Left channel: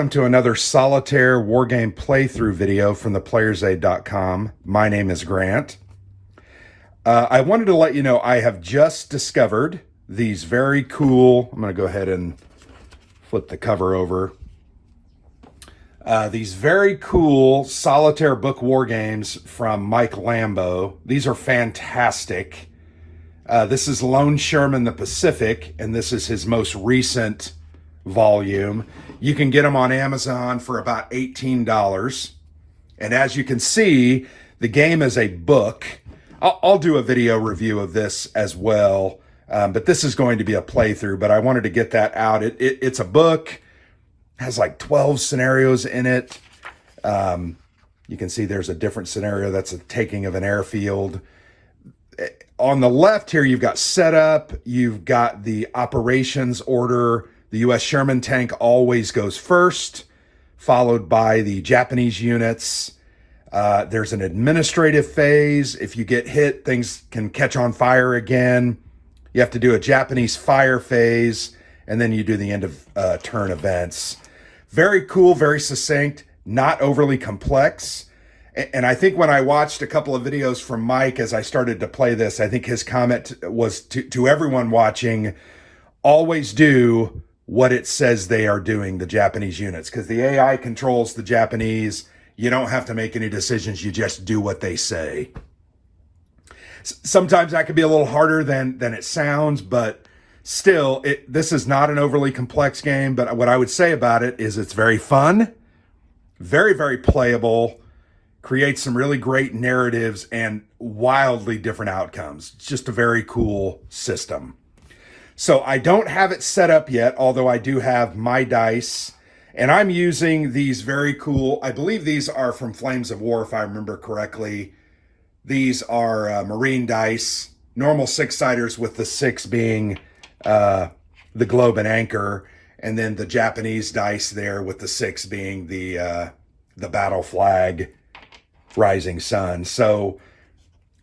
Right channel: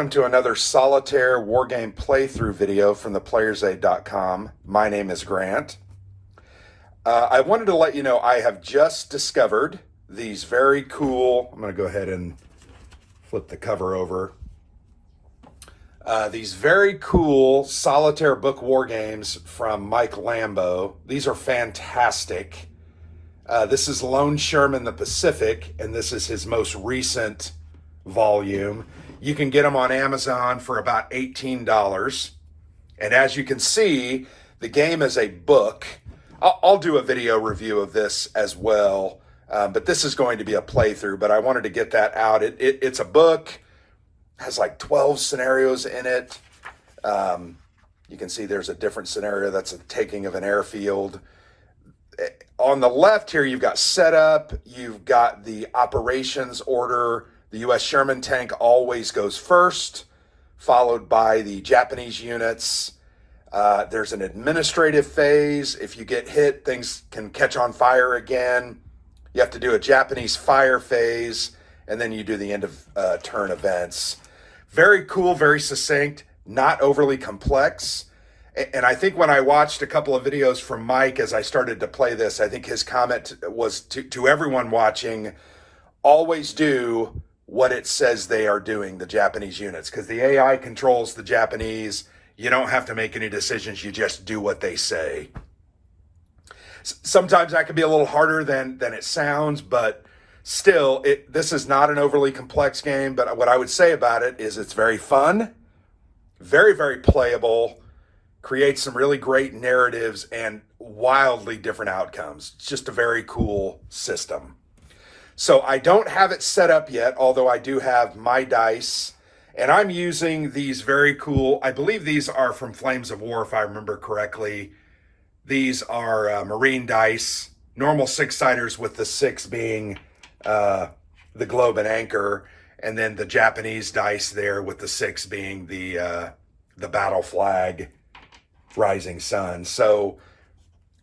welcome to another solitaire wargame playthrough video from theplayersaid.com. My name is Grant. I wanted to let you know I have just discovered these very cool, I'm going to go ahead and flip the cover over. These very cool solitaire book war games from Mike Lambo. These are fantastic. This is Lone Sherman the Pacific, and this is his most recent volume. You can get them on Amazon for about $18. And as you can see, the game is a book. I'll do a video review of this as well, but this is going to be a playthrough, but I wanted to get that out. It's a book, has like 12 scenarios in it. You can see there's a different scenario that's a taking of an airfield. On the left here, you've got setup, you've got the operations order. The U.S. Sherman tank always goes first, followed by the Japanese units. There's an administrative phase. If you get hit, things can catch on fire again. You have to do a Japanese fire phase, and then you do the end of turn events. Very cool, very succinct, not overly complex. And I think when I watched a couple of videos from Mike as I started to play this, I think his comment was to everyone watching, always do what it says they are doing, the Japanese units, because the AI controls the Japanese. You don't have to make any decisions. You just do what they say. Sometimes that can be a little harder than it sounds, but still, this is not an overly complex game. But what I would say about it is it's very fun, very, very playable, creates some really great narratives and wildly different outcomes. It's just a very cool system. So I don't have it set up yet, although I do have my dice. And I'm using these very cool, I believe these are from Flames of War, if I remember correctly. These are Marine dice, normal six-siders with the six being the globe and anchor, and then the Japanese dice there with the six being the battle flag, rising sun. So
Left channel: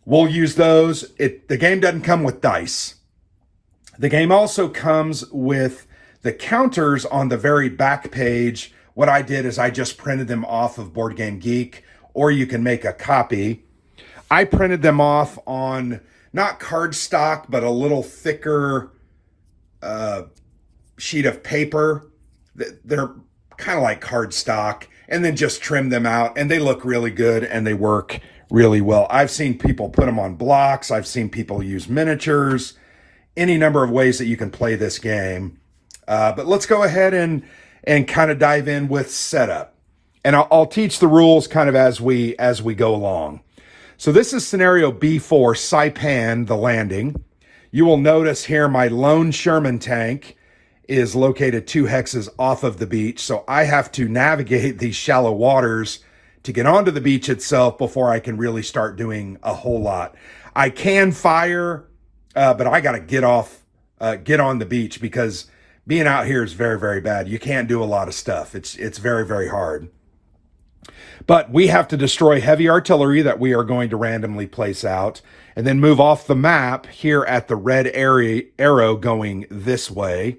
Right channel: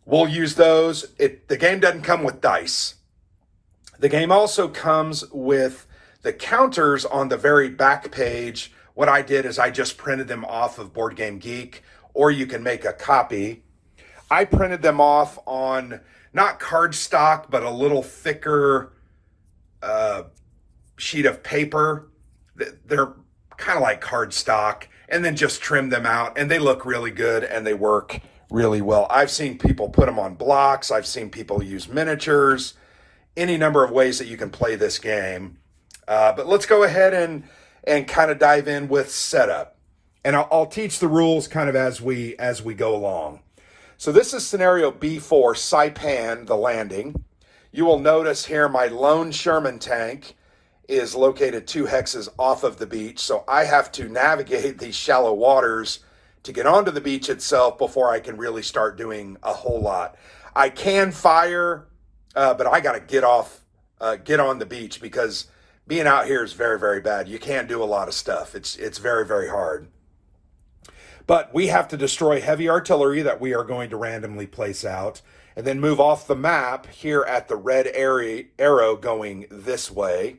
we'll use those. The game doesn't come with dice. The game also comes with the counters on the very back page. What I did is I just printed them off of Board Game Geek, or you can make a copy. I printed them off on not cardstock, but a little thicker sheet of paper. They're kind of like cardstock, and then just trim them out, and they look really good and they work really well. I've seen people put them on blocks. I've seen people use miniatures. Any number of ways that you can play this game. But let's go ahead and kind of dive in with setup. And I'll teach the rules kind of as we go along. So this is scenario B4, Saipan, the landing. You will notice here my Lone Sherman tank is located 2 hexes off of the beach. So I have to navigate these shallow waters to get onto the beach itself before I can really start doing a whole lot. I can fire, but I got to get on the beach because being out here is very, very bad. You can't do a lot of stuff. It's very, very hard. But we have to destroy heavy artillery that we are going to randomly place out and then move off the map here at the red arrow going this way.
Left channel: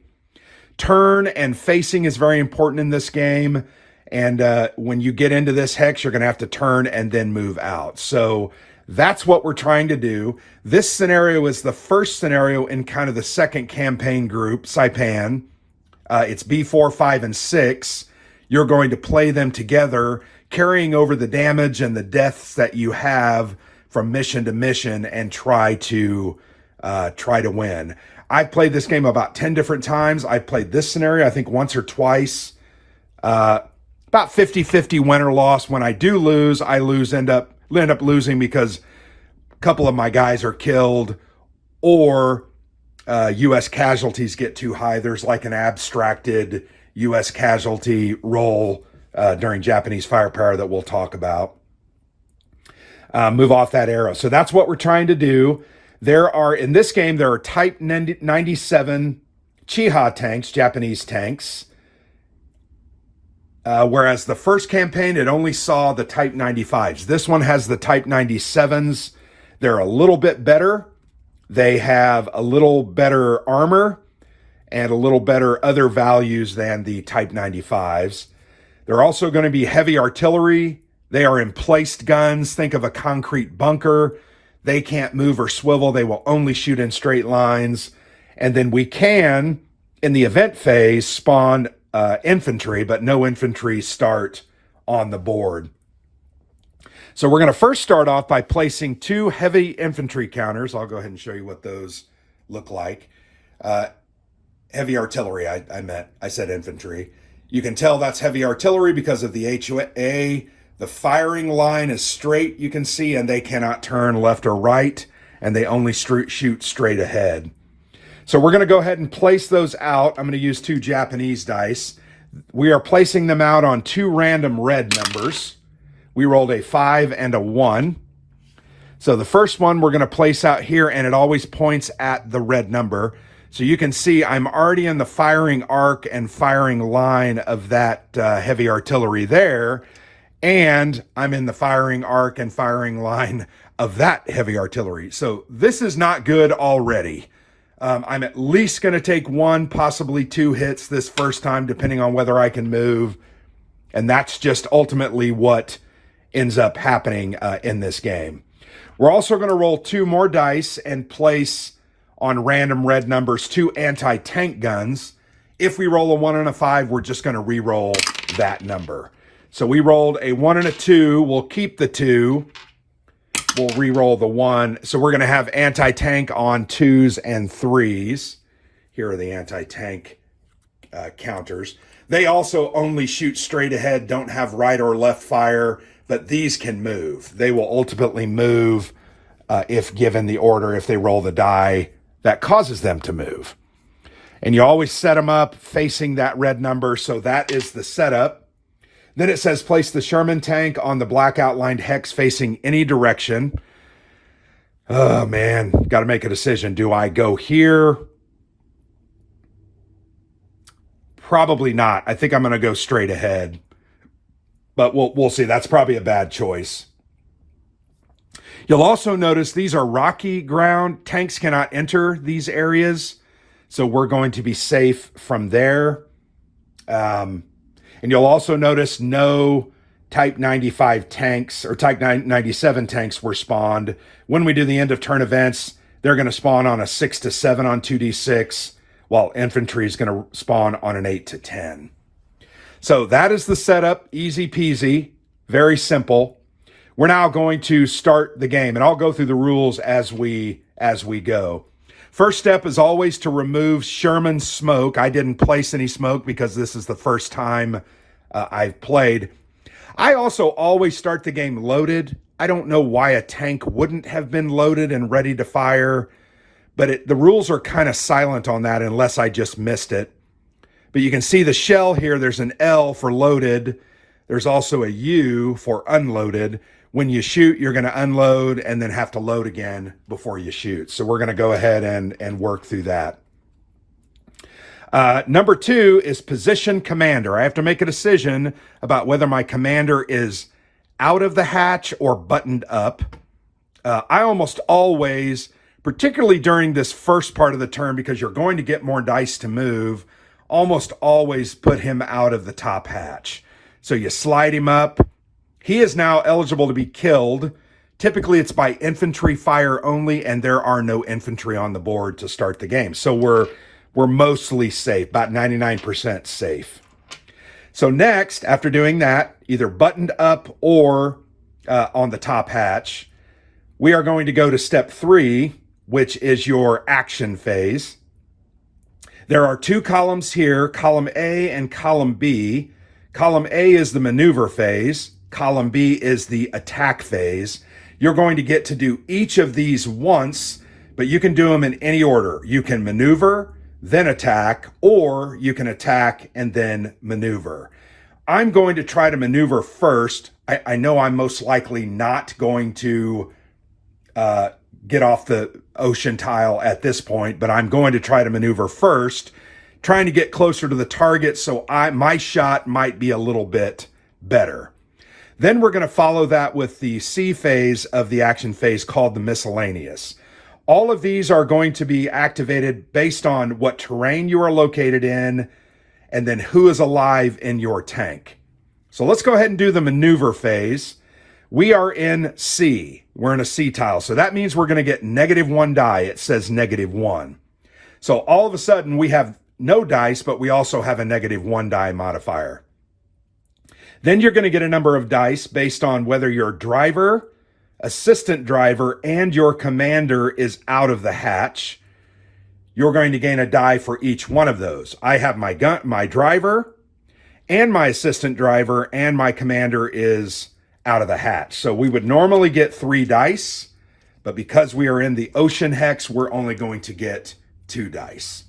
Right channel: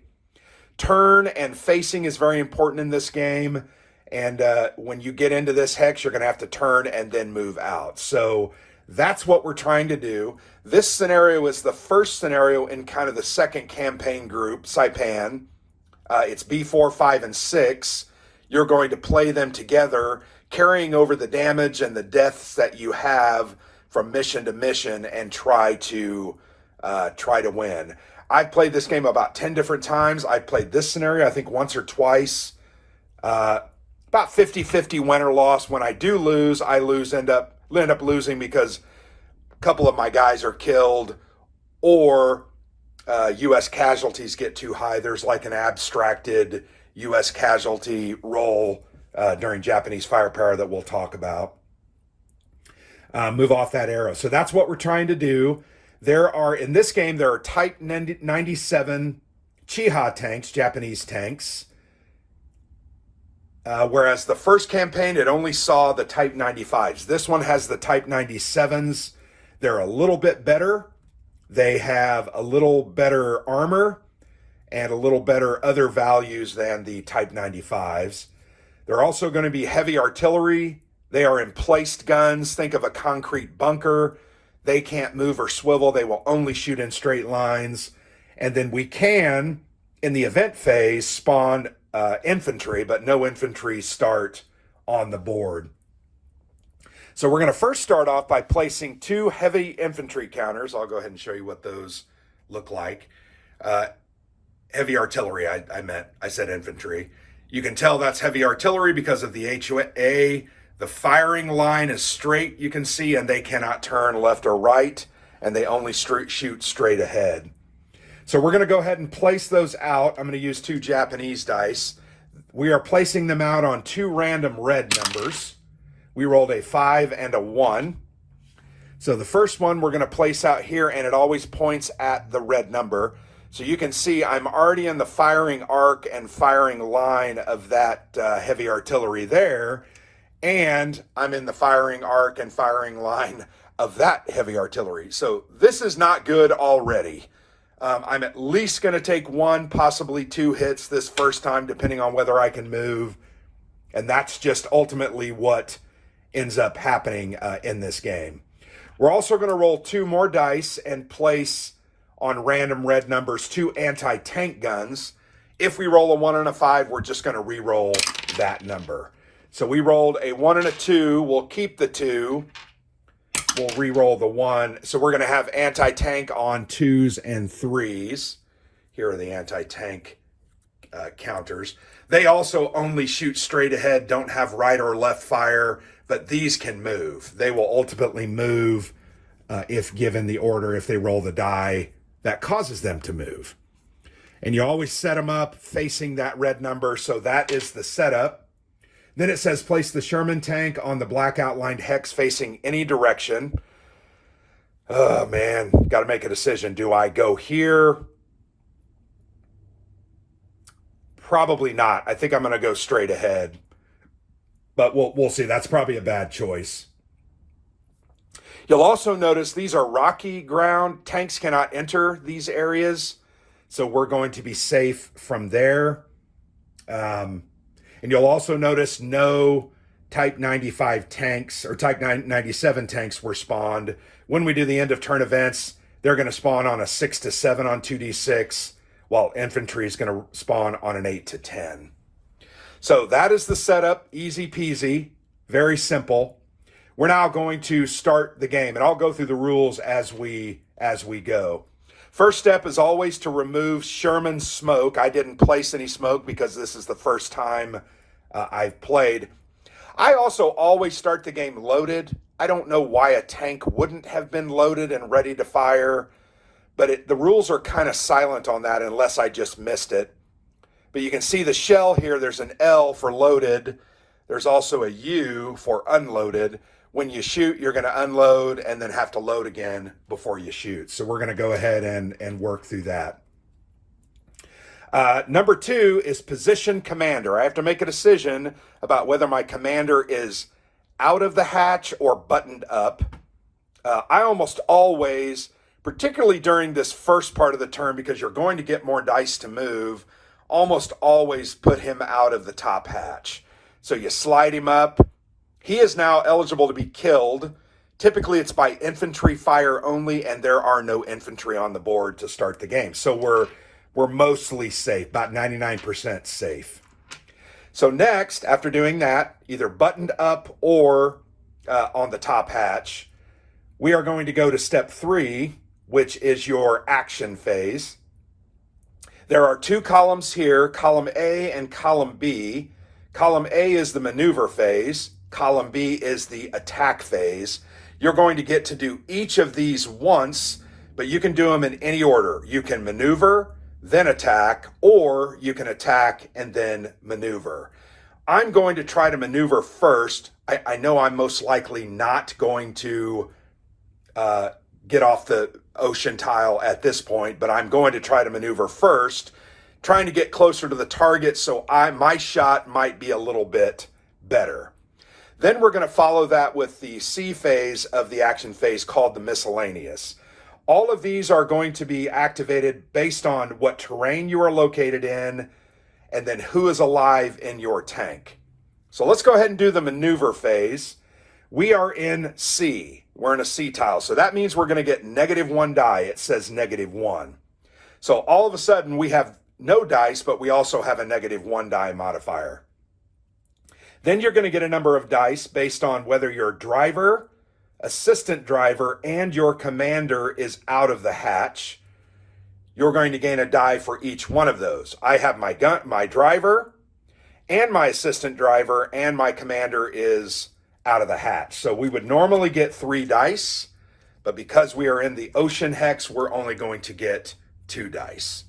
Turn and facing is very important in this game. And when you get into this hex, you're going to have to turn and then move out. So that's what we're trying to do. This scenario is the first scenario in kind of the second campaign group, Saipan. It's B4, 5, and 6. You're going to play them together, carrying over the damage and the deaths that you have from mission to mission and try to win. I've played this game about 10 different times. I played this scenario, I think, once or twice. About 50-50 win or loss. When I do lose, end up losing because a couple of my guys are killed or U.S. casualties get too high. There's like an abstracted U.S. casualty roll during Japanese firepower that we'll talk about. Move off that arrow. So that's what we're trying to do. In this game, there are Type 97 Chiha tanks, Japanese tanks. Whereas the first campaign, it only saw the Type 95s. This one has the Type 97s. They're a little bit better. They have a little better armor and a little better other values than the Type 95s. They're also going to be heavy artillery. They are emplaced guns. Think of a concrete bunker. They can't move or swivel. They will only shoot in straight lines. And then we can, in the event phase, spawn infantry, but no infantry start on the board. So we're going to first start off by placing 2 heavy infantry counters. I'll go ahead and show you what those look like. Heavy artillery, I said infantry. You can tell that's heavy artillery because of the HA. The firing line is straight, you can see, and they cannot turn left or right, and they only shoot straight ahead. So we're going to go ahead and place those out. I'm going to use 2 Japanese dice. We are placing them out on 2 random red numbers. We rolled a 5 and a 1. So the first one we're going to place out here, and it always points at the red number. So you can see I'm already in the firing arc and firing line of that heavy artillery there, and I'm in the firing arc and firing line of that heavy artillery. So this is not good already. I'm at least going to take 1, possibly 2 hits this first time, depending on whether I can move. And that's just ultimately what ends up happening in this game. We're also going to roll 2 more dice and place on random red numbers 2 anti-tank guns. If we roll a 1 and a 5, we're just going to re-roll that number. So we rolled a 1 and a 2. We'll keep the 2. We'll re-roll the 1. So we're going to have anti-tank on 2s and 3s. Here are the anti-tank counters. They also only shoot straight ahead, don't have right or left fire, but these can move. They will ultimately move if given the order, if they roll the die that causes them to move. And you always set them up facing that red number, so that is the setup. Then it says place the Sherman tank on the black outlined hex facing any direction. Oh man, got to make a decision. Do I go here? Probably not. I think I'm going to go straight ahead. But we'll see. That's probably a bad choice. You'll also notice these are rocky ground. Tanks cannot enter these areas, so we're going to be safe from there. And you'll also notice no Type 95 tanks or Type 97 tanks were spawned. When we do the end of turn events, they're going to spawn on a 6 to 7 on 2d6, while infantry is going to spawn on an 8 to 10. So that is the setup. Easy peasy, very simple. We're now going to start the game, and I'll go through the rules as we go. First step is always to remove Sherman smoke. I didn't place any smoke because this is the first time I've played. I also always start the game loaded. I don't know why a tank wouldn't have been loaded and ready to fire, but the rules are kind of silent on that unless I just missed it. But you can see the shell here. There's an L for loaded. There's also a U for unloaded. When you shoot, you're going to unload and then have to load again before you shoot. So we're going to go ahead and work through that. Number 2 is position commander. I have to make a decision about whether my commander is out of the hatch or buttoned up. I almost always, particularly during this first part of the turn, because you're going to get more dice to move, almost always put him out of the top hatch. So you slide him up. He is now eligible to be killed. Typically, it's by infantry fire only, and there are no infantry on the board to start the game. So we're mostly safe, about 99% safe. So next, after doing that, either buttoned up or on the top hatch, we are going to go to step 3, which is your action phase. There are 2 columns here, column A and column B. Column A is the maneuver phase. Column B is the attack phase. You're going to get to do each of these once, but you can do them in any order. You can maneuver, then attack, or you can attack and then maneuver. I'm going to try to maneuver first. I know I'm most likely not going to get off the ocean tile at this point, but I'm going to try to maneuver first, trying to get closer to the target so my shot might be a little bit better. Then we're going to follow that with the C phase of the action phase called the miscellaneous. All of these are going to be activated based on what terrain you are located in and then who is alive in your tank. So let's go ahead and do the maneuver phase. We are in C. We're in a C tile. So that means we're going to get -1 die. It says -1. So all of a sudden we have no dice, but we also have a -1 die modifier. Then you're going to get a number of dice based on whether your driver, assistant driver, and your commander is out of the hatch. You're going to gain a die for each one of those. I have my driver, and my assistant driver, and my commander is out of the hatch. So we would normally get 3 dice, but because we are in the ocean hex, we're only going to get 2 dice.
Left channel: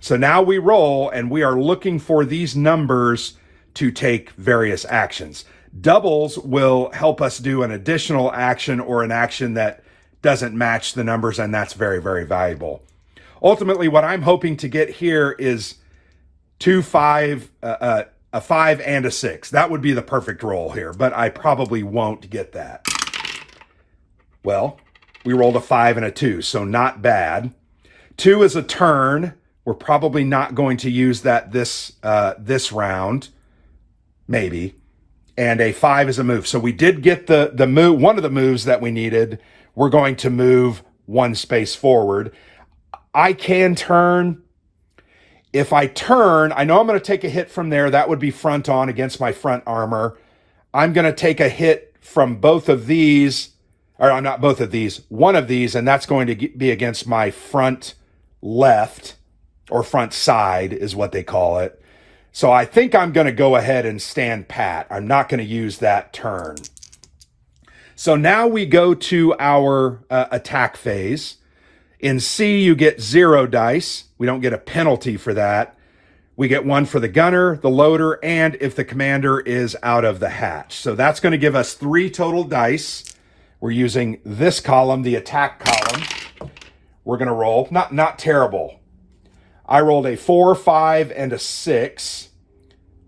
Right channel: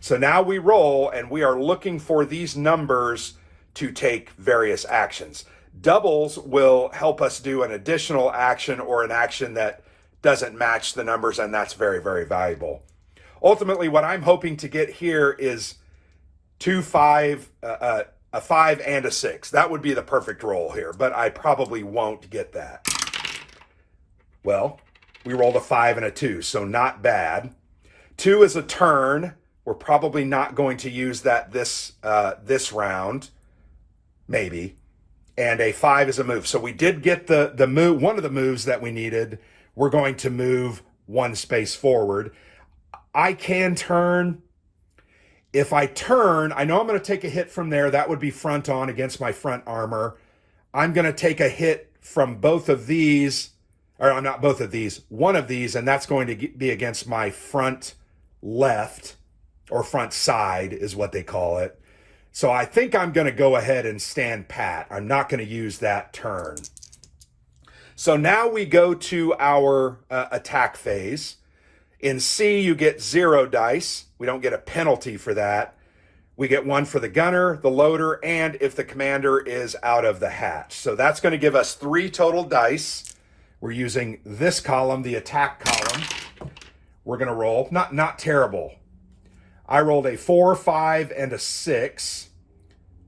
So now we roll, and we are looking for these numbers to take various actions. Doubles will help us do an additional action or an action that doesn't match the numbers, and that's very, very valuable. Ultimately, what I'm hoping to get here is 2, 5, a 5 and a 6. That would be the perfect roll here, but I probably won't get that. Well, we rolled a 5 and a 2, so not bad. 2 is a turn. We're probably not going to use that this round, maybe. And a 5 is a move. So we did get the move, one of the moves that we needed. We're going to move 1 space forward. I can turn. If I turn, I know I'm going to take a hit from there. That would be front on against my front armor. I'm going to take a hit from both of these, or not both of these, one of these, and that's going to be against my front left, or front side is what they call it. So I think I'm going to go ahead and stand pat. I'm not going to use that turn. So now we go to our attack phase. In C, you get 0 dice. We don't get a penalty for that. We get 1 for the gunner, the loader, and if the commander is out of the hatch. So that's going to give us 3 total dice. We're using this column, the attack column. We're going to roll. Not terrible. I rolled a 4, 5, and a 6.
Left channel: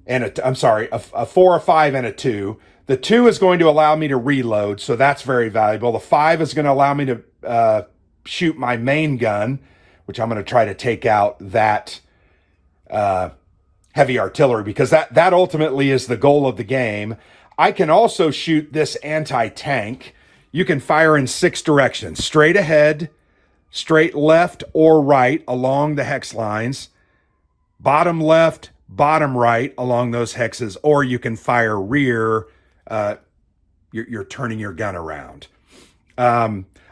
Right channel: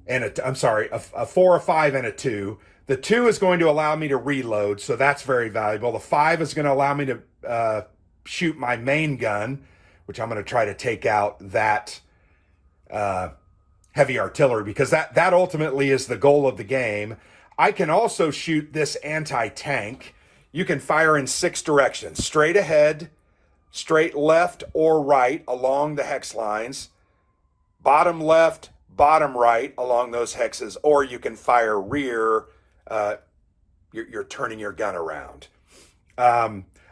I'm sorry, a 4, a 5, and a 2. The 2 is going to allow me to reload, so that's very valuable. The 5 is going to allow me to shoot my main gun, which I'm going to try to take out that heavy artillery, because that ultimately is the goal of the game. I can also shoot this anti-tank. You can fire in 6 directions: straight ahead, straight left or right along the hex lines, bottom left, bottom right along those hexes, or you can fire rear. You're turning your gun around.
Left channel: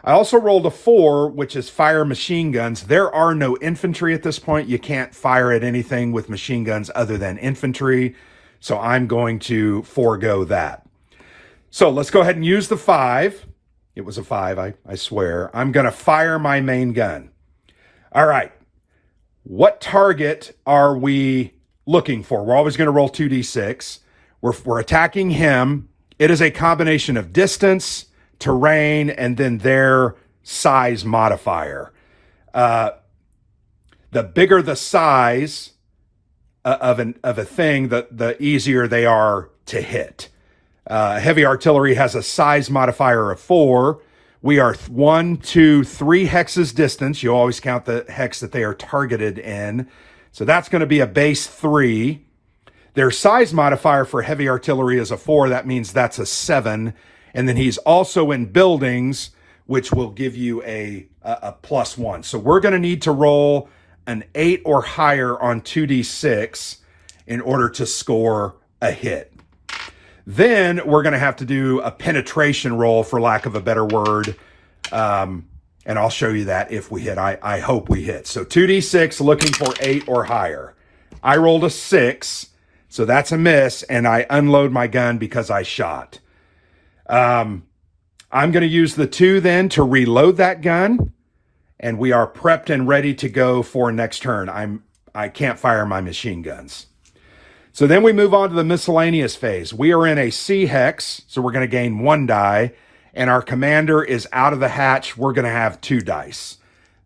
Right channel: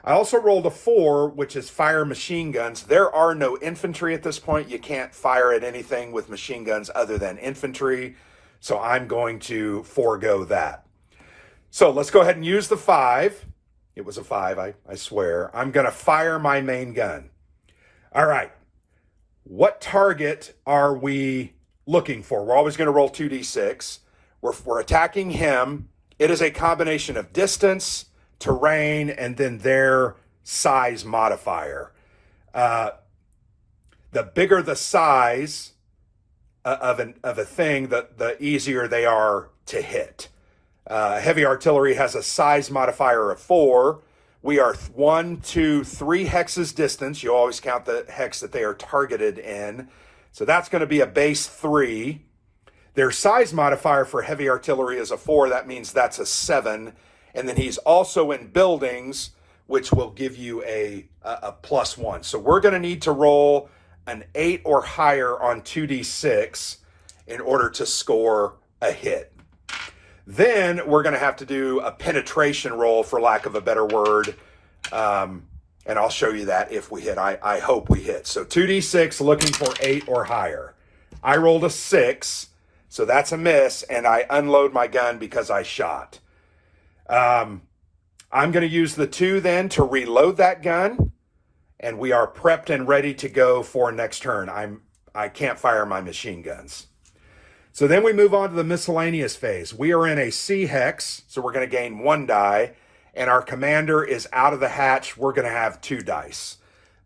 I also rolled a 4, which is fire machine guns. There are no infantry at this point. You can't fire at anything with machine guns other than infantry. So I'm going to forego that. So let's go ahead and use the 5. It was a 5, I swear. I'm going to fire my main gun. All right. What target are we looking for? We're always going to roll 2d6. We're attacking him. It is a combination of distance, terrain, and then their size modifier. The bigger the size of a thing, the easier they are to hit. Heavy artillery has a size modifier of 4. We are 1, 2, 3 hexes distance. You always count the hex that they are targeted in. So that's going to be a base 3. Their size modifier for heavy artillery is a 4. That means that's a 7. And then he's also in buildings, which will give you a +1. So we're going to need to roll an 8 or higher on 2d6 in order to score a hit. Then we're going to have to do a penetration roll, for lack of a better word. And I'll show you that if we hit. I hope we hit. So 2d6, looking for 8 or higher. I rolled a 6, so that's a miss, and I unload my gun because I shot. I'm going to use the 2 then to reload that gun, and we are prepped and ready to go for next turn. I can't fire my machine guns. So then we move on to the miscellaneous phase. We are in a C hex, so we're going to gain 1 die, and our commander is out of the hatch. We're going to have 2 dice.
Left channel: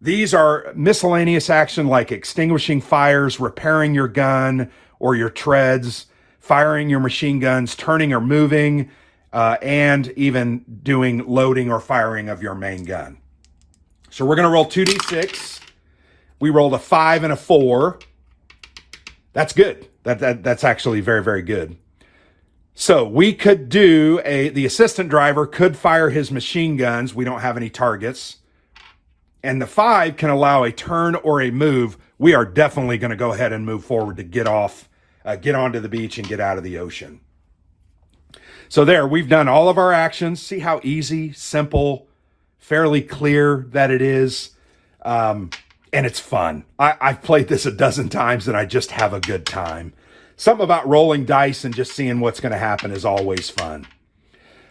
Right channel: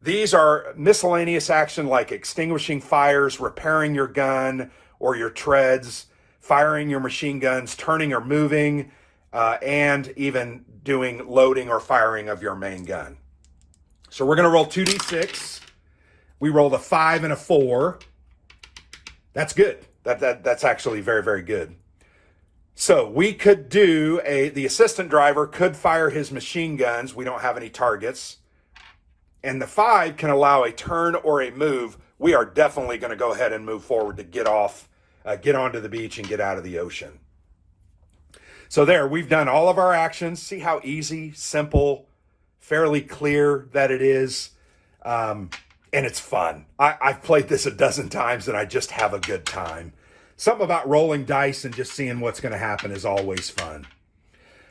These are miscellaneous action like extinguishing fires, repairing your gun or your treads, firing your machine guns, turning or moving, and even doing loading or firing of your main gun. So we're going to roll 2d6. We rolled a 5 and a 4. That's good. That's actually very, very good. So we could do the assistant driver could fire his machine guns. We don't have any targets. And the 5 can allow a turn or a move. We are definitely going to go ahead and move forward to get onto the beach and get out of the ocean. So there, we've done all of our actions. See how easy, simple, fairly clear that it is. And it's fun. I've played this a dozen times and I just have a good time. Something about rolling dice and just seeing what's going to happen is always fun.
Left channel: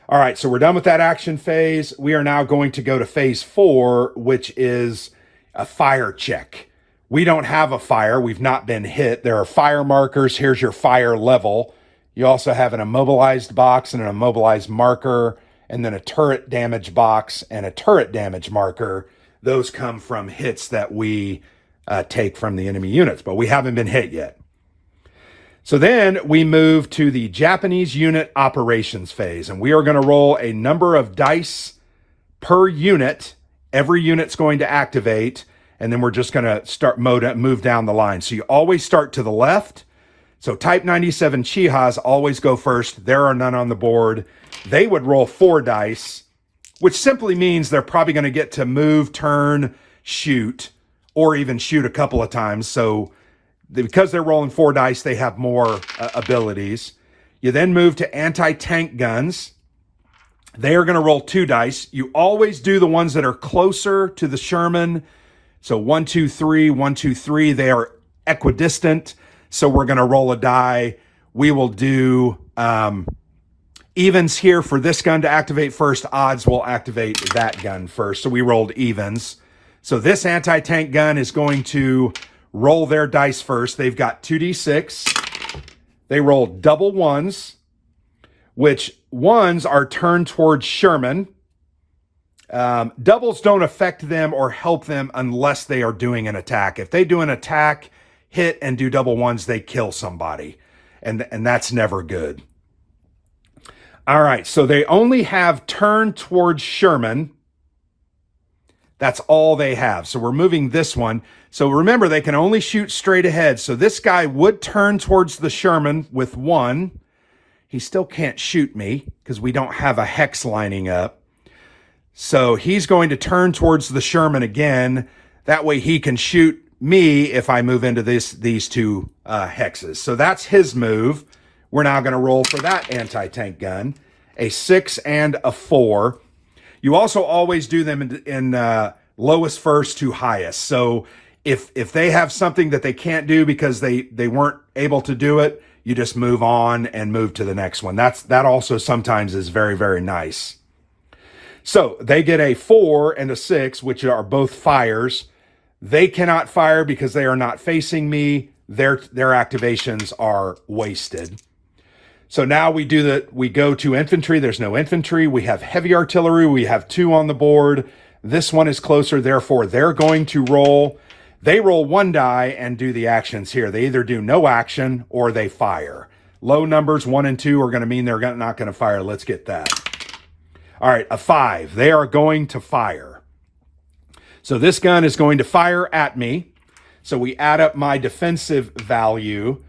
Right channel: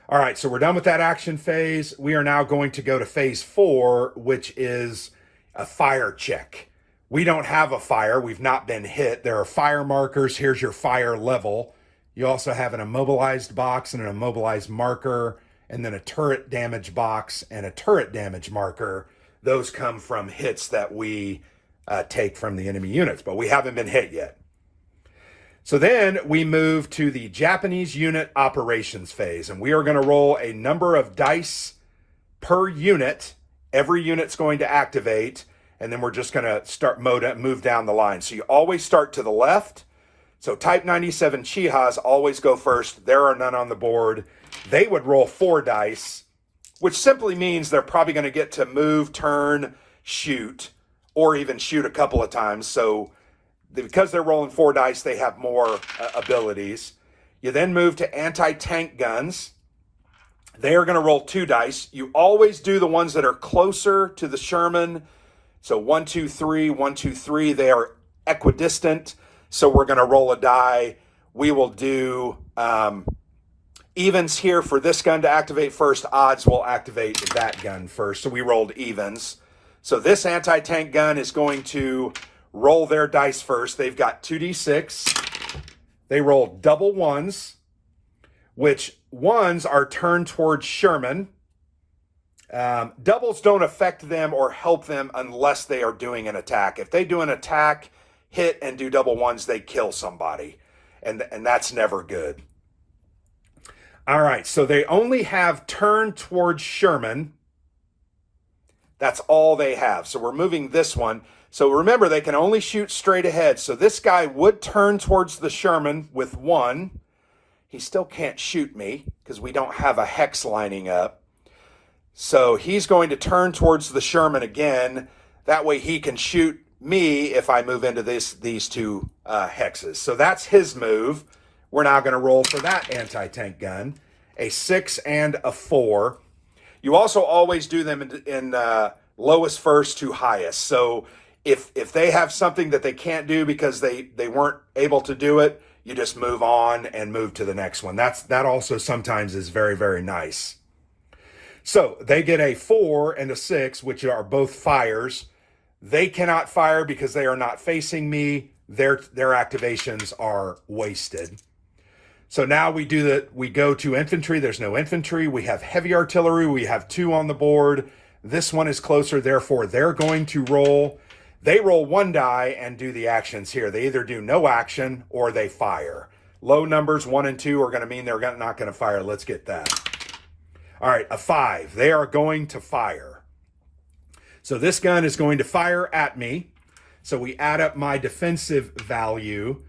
All right, so we're done with that action phase. We are now going to go to phase 4, which is a fire check. We don't have a fire. We've not been hit. There are fire markers. Here's your fire level. You also have an immobilized box and an immobilized marker, and then a turret damage box and a turret damage marker. Those come from hits that we take from the enemy units, but we haven't been hit yet. So then we move to the Japanese unit operations phase, and we are going to roll a number of dice per unit. Every unit's going to activate, and then we're just going to move down the line. So you always start to the left. So Type 97 Chihas always go first. There are none on the board. They would roll 4 dice, which simply means they're probably going to get to move, turn, shoot, or even shoot a couple of times. So because they're rolling 4 dice, they have more abilities. You then move to anti-tank guns. They are going to roll 2 dice. You always do the ones that are closer to the Sherman. So 1, 2, 3, 1, 2, 3. They are equidistant. So we're going to roll a die. We will do evens here for this gun to activate first. Odds will activate that gun first. So we rolled evens. So this anti-tank gun is going to roll their dice first. They've got 2d6. They roll double ones, which ones are turned towards Sherman. Doubles don't affect them or help them unless they are doing an attack. If they do an attack, hit, and do double ones, they kill somebody. And that's never good. All right, so they only have turn towards Sherman. That's all they have. So we're moving this one. So remember, they can only shoot straight ahead. So this guy would turn towards the Sherman with 1. He still can't shoot me because we don't have a hex lining up. So he's going to turn towards the Sherman again. That way he can shoot me if I move into these 2 hexes. So that's his move. We're now going to roll for that anti-tank gun. A 6 and a 4. You also always do them in lowest first to highest. So if they have something that they can't do because they weren't able to do it, you just move on and move to the next one. That also sometimes is very, very nice. So they get a 4 and a 6, which are both fires. They cannot fire because they are not facing me. Their activations are wasted. So now we go to infantry. There's no infantry. We have heavy artillery. We have 2 on the board. This one is closer. Therefore, they're going to roll. They roll 1 die and do the actions here. They either do no action or they fire. Low numbers, 1 and 2, are going to mean they're not going to fire. Let's get that. All right, a 5. They are going to fire. So this gun is going to fire at me. So we add up my defensive value.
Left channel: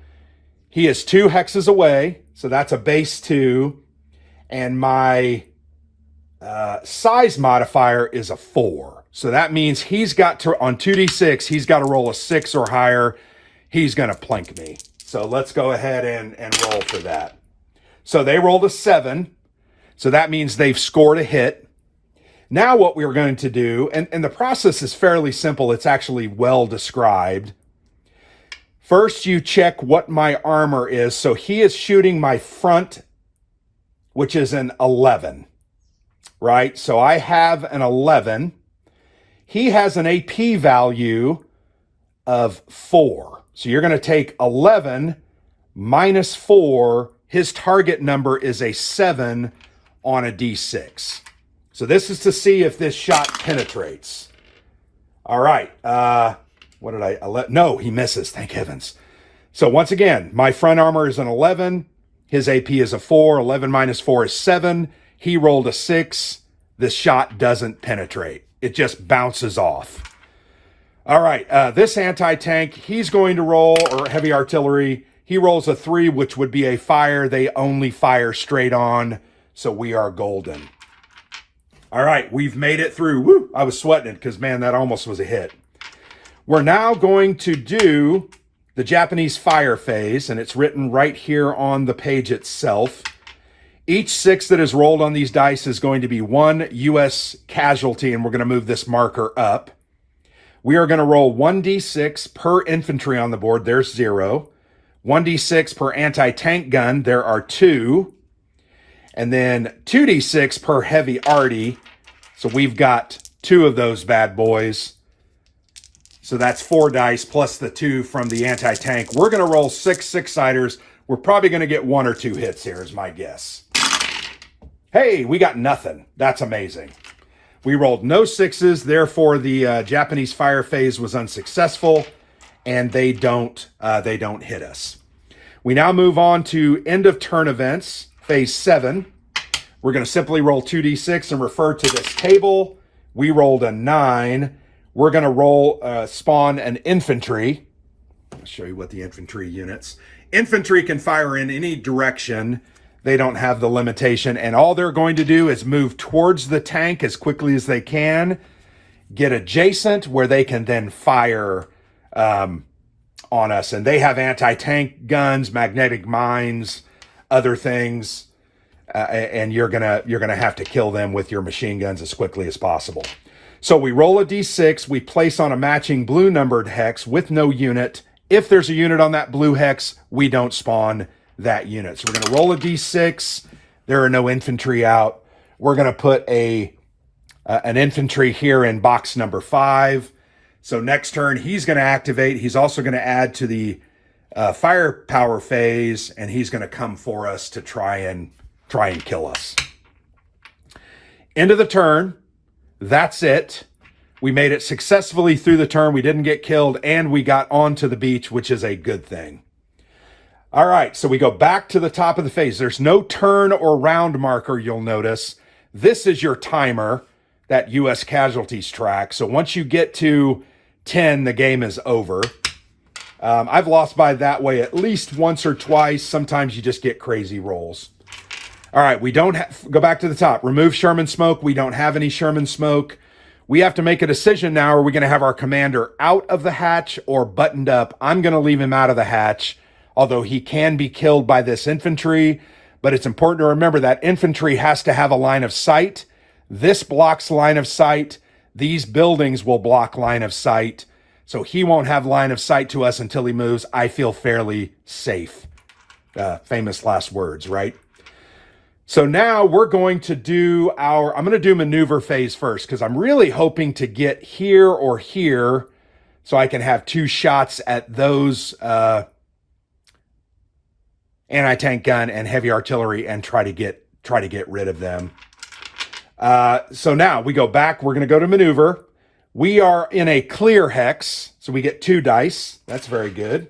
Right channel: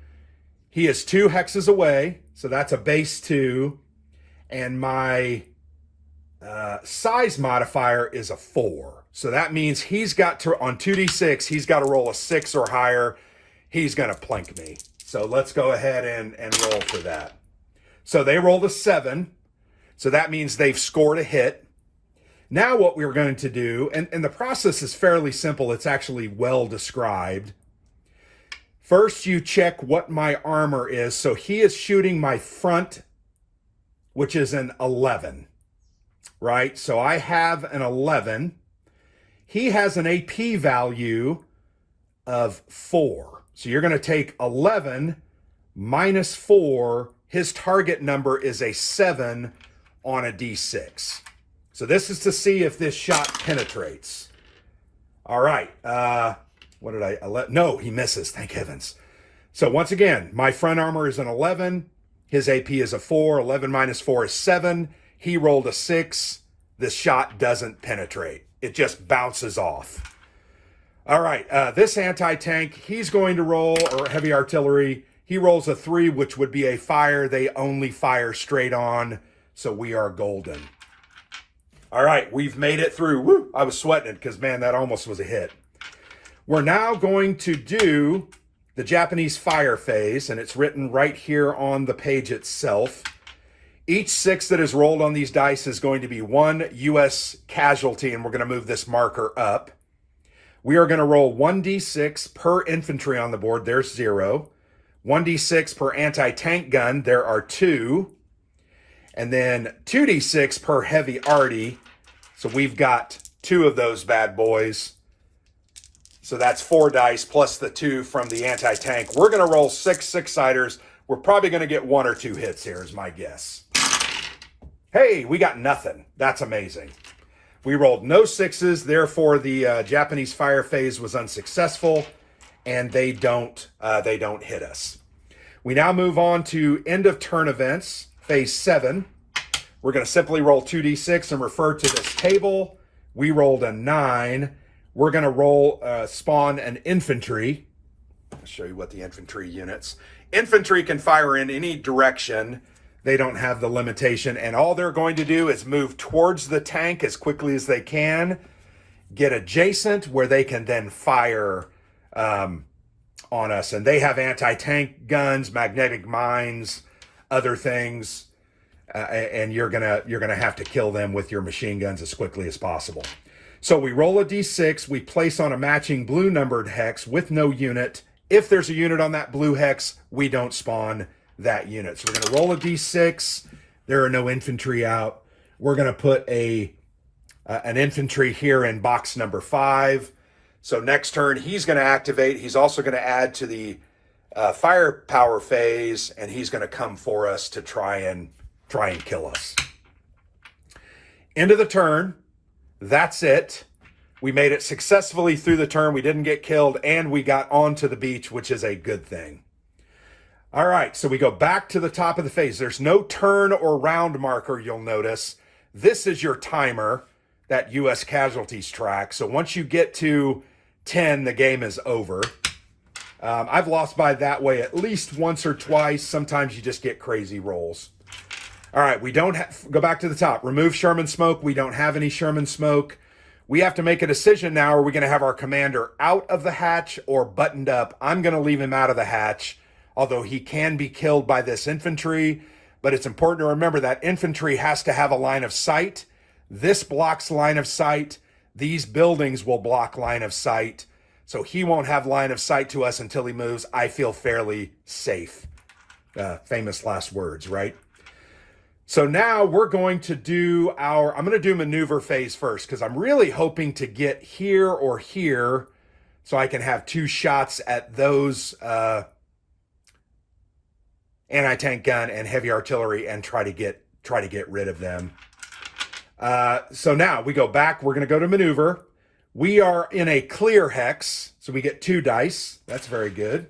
He is 2 hexes away. So that's a base 2. And my size modifier is a 4. So that means he's got to, on 2d6, he's got to roll a 6 or higher. He's going to plink me. So let's go ahead and roll for that. So they rolled a 7. So that means they've scored a hit. Now what we're going to do, and the process is fairly simple. It's actually well described. First, you check what my armor is. So he is shooting my front, which is an 11, right? So I have an 11. He has an AP value of 4. So you're going to take 11 minus 4. His target number is a 7 on a D6. So this is to see if this shot penetrates. All right. What did I no, he misses. Thank heavens. So once again, my front armor is an 11. His AP is a 4. 11 minus 4 is 7. He rolled a 6. This shot doesn't penetrate. It just bounces off. All right. This anti-tank, he's going to roll, or heavy artillery, He rolls a 3, which would be a fire. They only fire straight on, so we are golden. All right, we've made it through. Woo! I was sweating it because, man, that almost was a hit. We're now going to do the Japanese fire phase, and it's written right here on the page itself. Each 6 that is rolled on these dice is going to be 1 U.S. casualty, and we're going to move this marker up. We are going to roll 1d6 per infantry on the board. There's 0. 1d6 per anti-tank gun. There are 2. And then 2d6 per heavy arty. So we've got 2 of those bad boys. So that's 4 dice plus the 2 from the anti-tank. We're going to roll 6 6-siders. We're probably going to get 1 or 2 hits here is my guess. Hey, we got nothing. That's amazing. We rolled no 6s. Therefore, the Japanese fire phase was unsuccessful, and they don't hit us. We now move on to end of turn events, phase 7. We're going to simply roll 2d6 and refer to this table. We rolled a 9. We're going to roll, spawn an infantry. I'll show you what the infantry units. Infantry can fire in any direction. They don't have the limitation, and all they're going to do is move towards the tank as quickly as they can, get adjacent where they can then fire on us. And they have anti-tank guns, magnetic mines, other things, and you're gonna have to kill them with your machine guns as quickly as possible. So we roll a d6, we place on a matching blue numbered hex with no unit. If there's a unit on that blue hex, we don't spawn that unit. So we're going to roll a d6. There are no infantry out. We're going to put an infantry here in box number 5. So next turn, he's going to activate. He's also going to add to the firepower phase, and he's going to come for us to try and kill us. End of the turn. That's it. We made it successfully through the turn. We didn't get killed, and we got onto the beach, which is a good thing. All right, so we go back to the top of the phase. There's no turn or round marker, you'll notice. This is your timer, that U.S. casualties track. So once you get to 10, the game is over. I've lost by that way at least once or twice. Sometimes you just get crazy rolls. All right, we don't go back to the top. Remove Sherman smoke. We don't have any Sherman smoke. We have to make a decision now. Are we going to have our commander out of the hatch or buttoned up? I'm going to leave him out of the hatch, although he can be killed by this infantry. But it's important to remember that infantry has to have a line of sight. This blocks line of sight. These buildings will block line of sight. So he won't have line of sight to us until he moves. I feel fairly safe. Famous last words, right? So now we're going to do I'm going to do maneuver phase first, because I'm really hoping to get here or here so I can have 2 shots at those anti-tank gun and heavy artillery and try to get rid of them. So now we go back. We're going to go to maneuver. We are in a clear hex, so we get 2 dice. That's very good.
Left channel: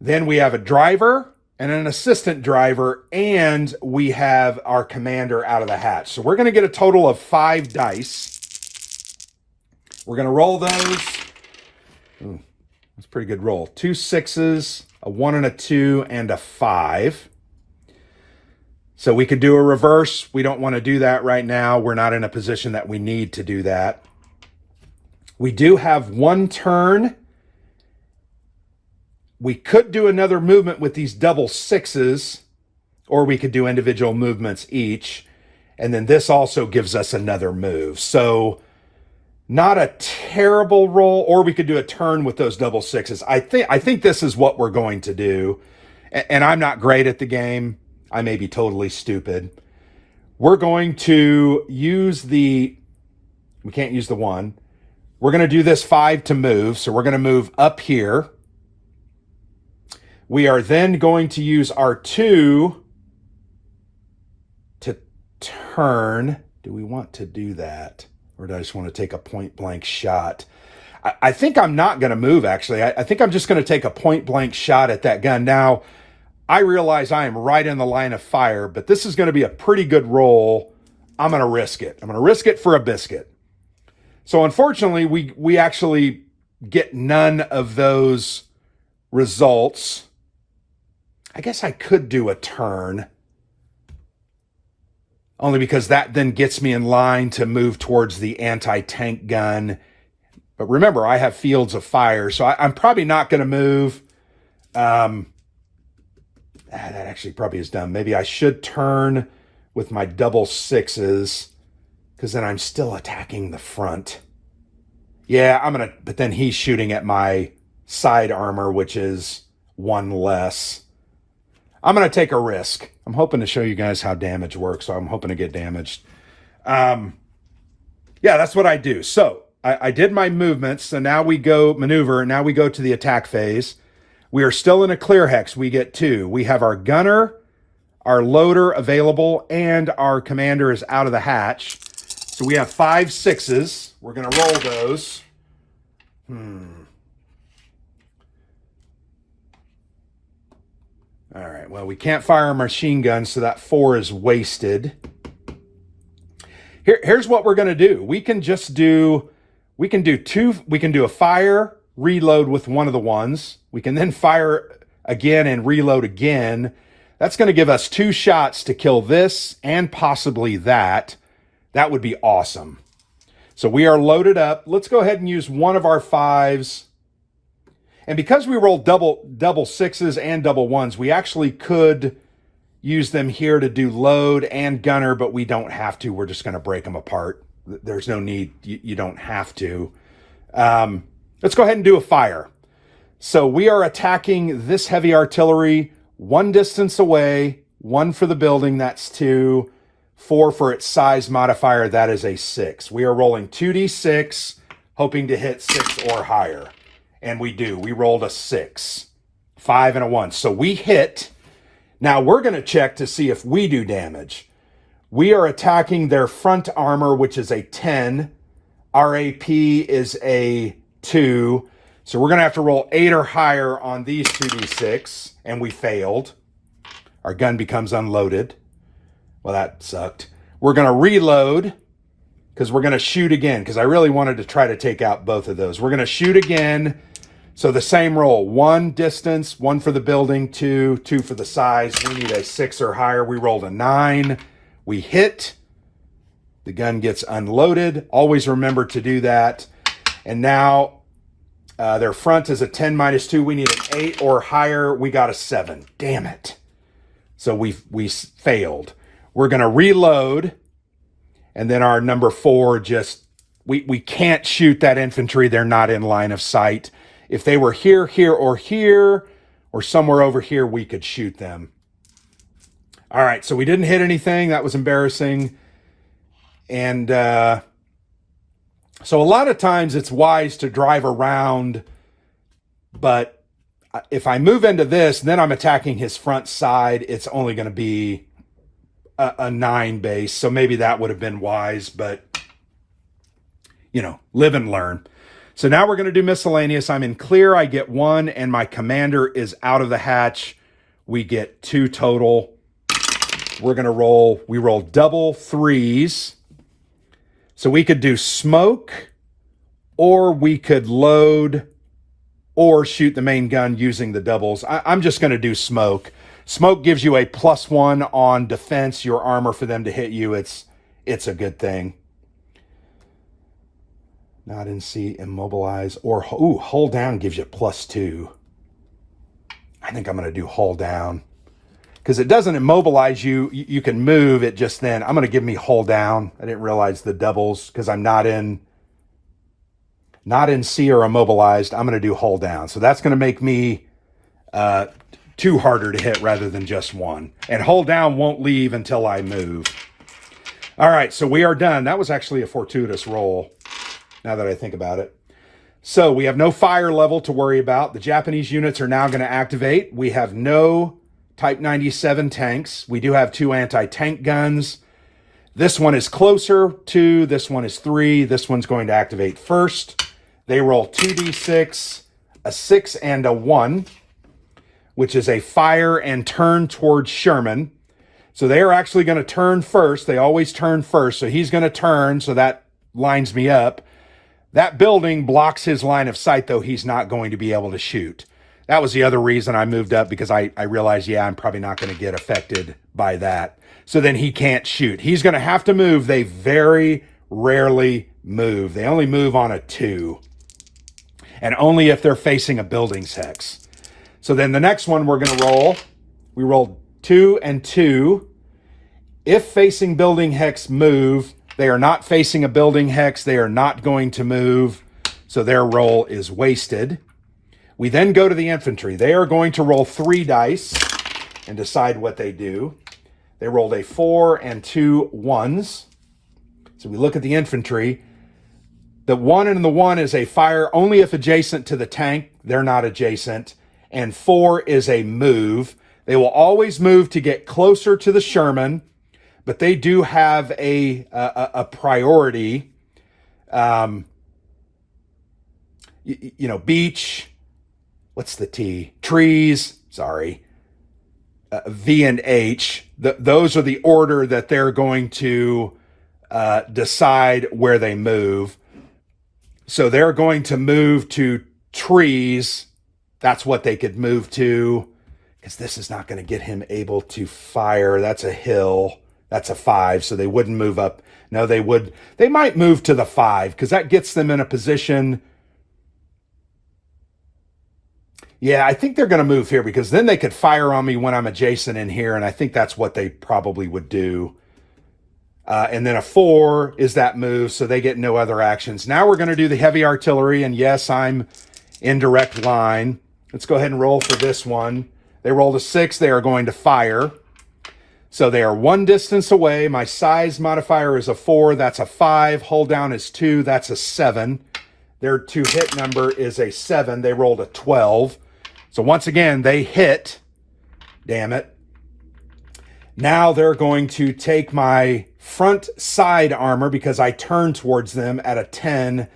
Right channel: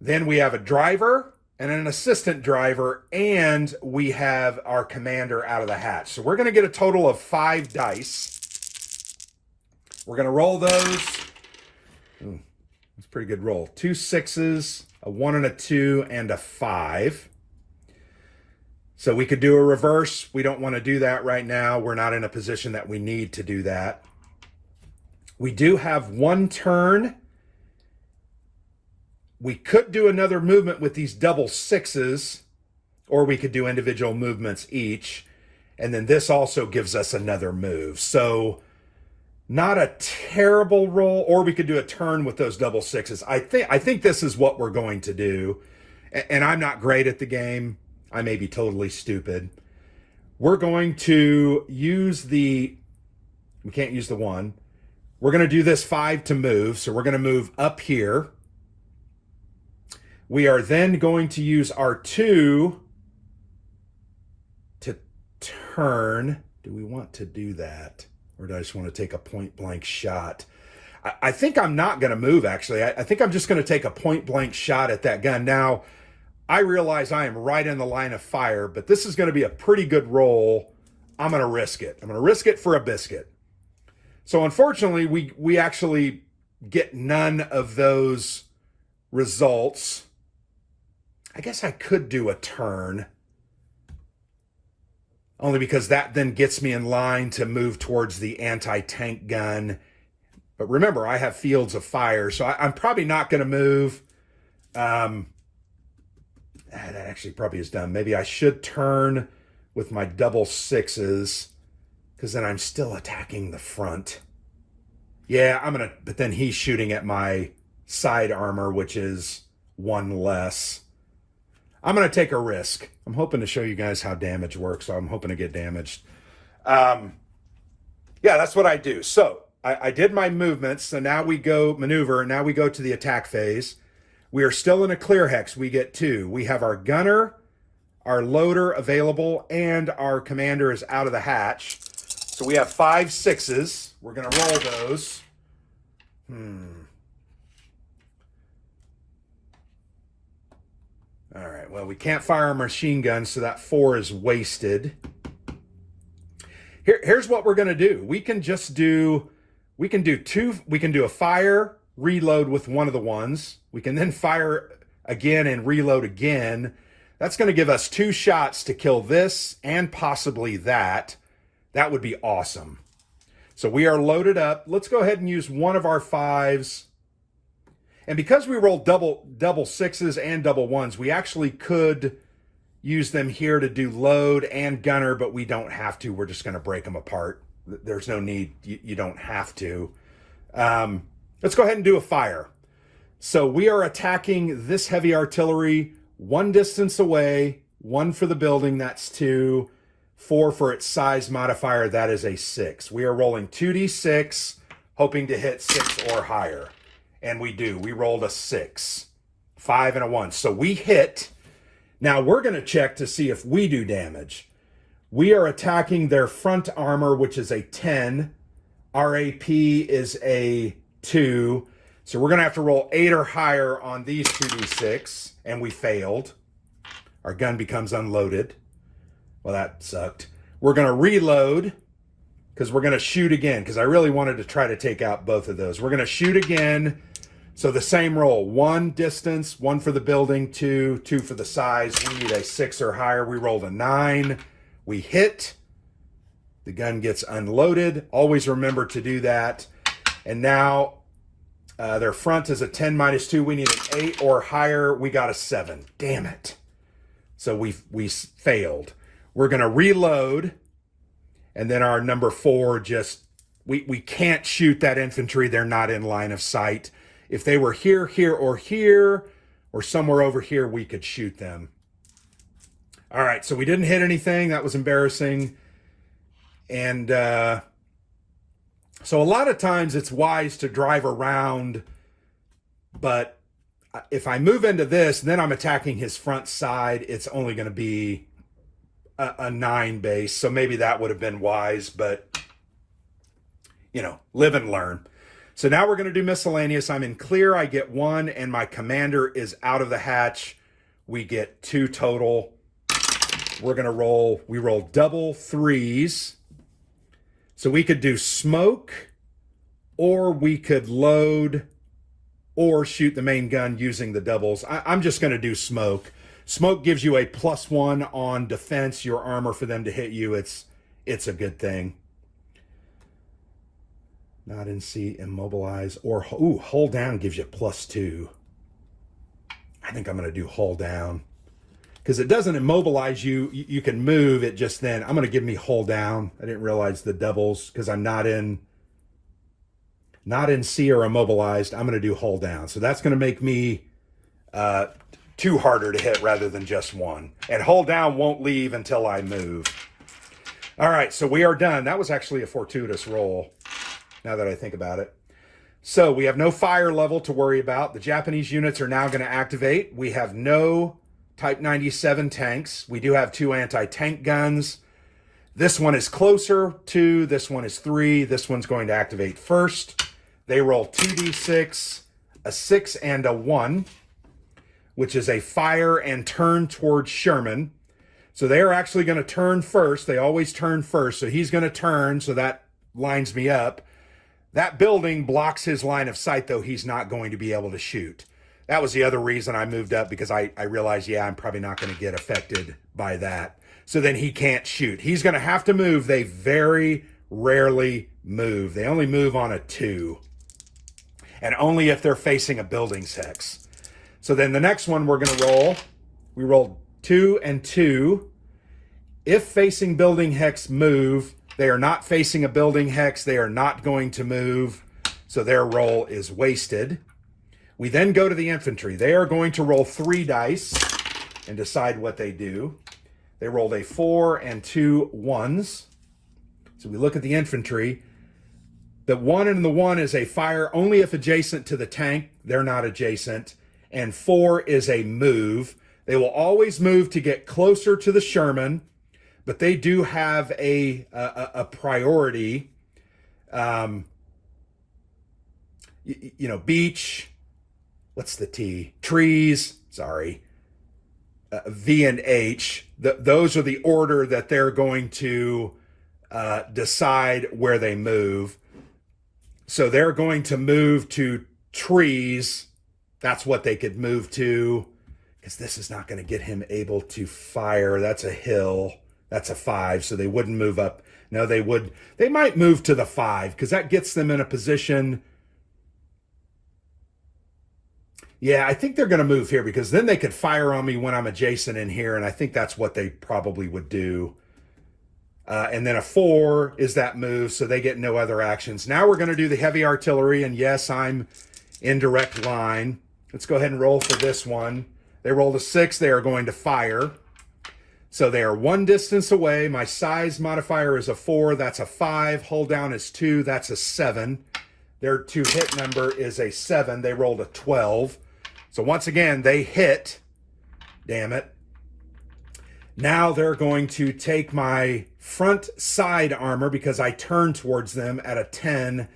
Then we have a driver and an assistant driver, and we have our commander out of the hatch. So we're going to get a total of 5 dice. We're going to roll those. That's a pretty good roll. 2 6s, a 1 and a 2, and a 5. So we could do a reverse. We don't want to do that right now. We're not in a position that we need to do that. We do have 1 turn. We could do another movement with these double 6s, or we could do individual movements each. And then this also gives us another move. So not a terrible roll, or we could do a turn with those double 6s. I think this is what we're going to do. And I'm not great at the game. I may be totally stupid. We're going to use we can't use the 1. We're going to do this 5 to move. So we're going to move up here. We are then going to use our 2 to turn. Do we want to do that? Or do I just want to take a point blank shot? I think I'm not going to move, actually. I think I'm just going to take a point blank shot at that gun. Now, I realize I am right in the line of fire, but this is going to be a pretty good roll. I'm going to risk it. I'm going to risk it for a biscuit. So unfortunately, we actually get none of those results. I guess I could do a turn, only because that then gets me in line to move towards the anti-tank gun. But remember, I have fields of fire, so I'm probably not going to move. That actually probably is dumb. Maybe I should turn with my double sixes, because then I'm still attacking the front. Yeah, but then he's shooting at my side armor, which is one less. I'm going to take a risk. I'm hoping to show you guys how damage works, so I'm hoping to get damaged. Yeah, that's what I do. So I did my movements, so now we go maneuver, now we go to the attack phase. We are still in a clear hex. We get 2. We have our gunner, our loader available, and our commander is out of the hatch. So we have 5 6s. We're going to roll those. All right, well, we can't fire a machine gun, so that 4 is wasted. Here's what we're going to do. We can do a fire, reload with one of the ones. We can then fire again and reload again. That's going to give us 2 shots to kill this and possibly that. That would be awesome. So we are loaded up. Let's go ahead and use one of our 5s. And because we rolled double 6s and double 1s, we actually could use them here to do load and gunner, but we don't have to. We're just going to break them apart. There's no need. You don't have to. Let's go ahead and do a fire. So we are attacking this heavy artillery 1 distance away, 1 for the building, that's 2, 4 for its size modifier, that is a 6. We are rolling 2d6, hoping to hit 6 or higher. And we do. We rolled a 6, 5, and a 1. So we hit. Now we're going to check to see if we do damage. We are attacking their front armor, which is a 10. Our AP is a 2. So we're going to have to roll 8 or higher on these 2d6. And we failed. Our gun becomes unloaded. Well, that sucked. We're going to reload, because we're going to shoot again, because I really wanted to try to take out both of those. We're going to shoot again. So the same roll, 1 distance, 1 for the building, 2 for the size. We need a 6 or higher. We rolled a 9. We hit. The gun gets unloaded. Always remember to do that. And now their front is a 10 minus 2. We need an 8 or higher. We got a 7. Damn it. So we failed. We're going to reload. And then our number 4 just, we can't shoot that infantry. They're not in line of sight. If they were here, or somewhere over here, we could shoot them. All right, so we didn't hit anything. That was embarrassing. And so a lot of times it's wise to drive around, but if I move into this, then I'm attacking his front side. It's only going to be a 9 base, so maybe that would have been wise, but, live and learn. So now we're going to do miscellaneous. I'm in clear. I get 1, and my commander is out of the hatch. We get 2 total. We're going to roll. We roll double 3s. So we could do smoke, or we could load, or shoot the main gun using the doubles. I'm just going to do smoke. Smoke gives you a +1 on defense, your armor, for them to hit you. It's a good thing. Not in C, immobilize, or hold down gives you +2. I think I'm going to do hold down, because it doesn't immobilize you. You can move it just then. I'm going to give me hold down. I didn't realize the doubles, because I'm not in C or immobilized. I'm going to do hold down. So that's going to make me 2 harder to hit rather than just 1. And hold down won't leave until I move. All right, so we are done. That was actually a fortuitous roll, now that I think about it. So we have no fire level to worry about. The Japanese units are now going to activate. We have no Type 97 tanks. We do have 2 anti-tank guns. This one is closer, 2. This one is 3. This one's going to activate first. They roll 2d6, a 6, and a 1, which is a fire and turn towards Sherman. So they are actually going to turn first. They always turn first. So he's going to turn, so that lines me up. That building blocks his line of sight, though he's not going to be able to shoot. That was the other reason I moved up, because I realized, yeah, I'm probably not going to get affected by that. So then he can't shoot. He's going to have to move. They very rarely move. They only move on a 2. And only if they're facing a buildings hex. So then the next one we're going to roll, we rolled 2 and 2. If facing building hex move, they are not facing a building hex. They are not going to move. So their roll is wasted. We then go to the infantry. They are going to roll 3 dice and decide what they do. They rolled a 4 and 2 1s. So we look at the infantry. The 1 and the 1 is a fire only if adjacent to the tank. They're not adjacent. And 4 is a move. They will always move to get closer to the Sherman, but they do have a priority. Beach. What's the T? Trees. Sorry. V and H. Those are the order that they're going to decide where they move. So they're going to move to trees. That's what they could move to, because this is not going to get him able to fire. That's a hill. That's a 5. So they wouldn't move up. No, they would. They might move to the 5 because that gets them in a position. Yeah, I think they're going to move here because then they could fire on me when I'm adjacent in here. And I think that's what they probably would do. And then a 4 is that move, so they get no other actions. Now we're going to do the heavy artillery, and yes, I'm in direct line. Let's go ahead and roll for this one. They rolled a 6. They are going to fire. So they are 1 distance away. My size modifier is a 4. That's a 5. Hold down is 2. That's a 7. Their 2 hit number is a 7. They rolled a 12. So once again, they hit. Damn it. Now they're going to take my front side armor because I turn towards them at a 10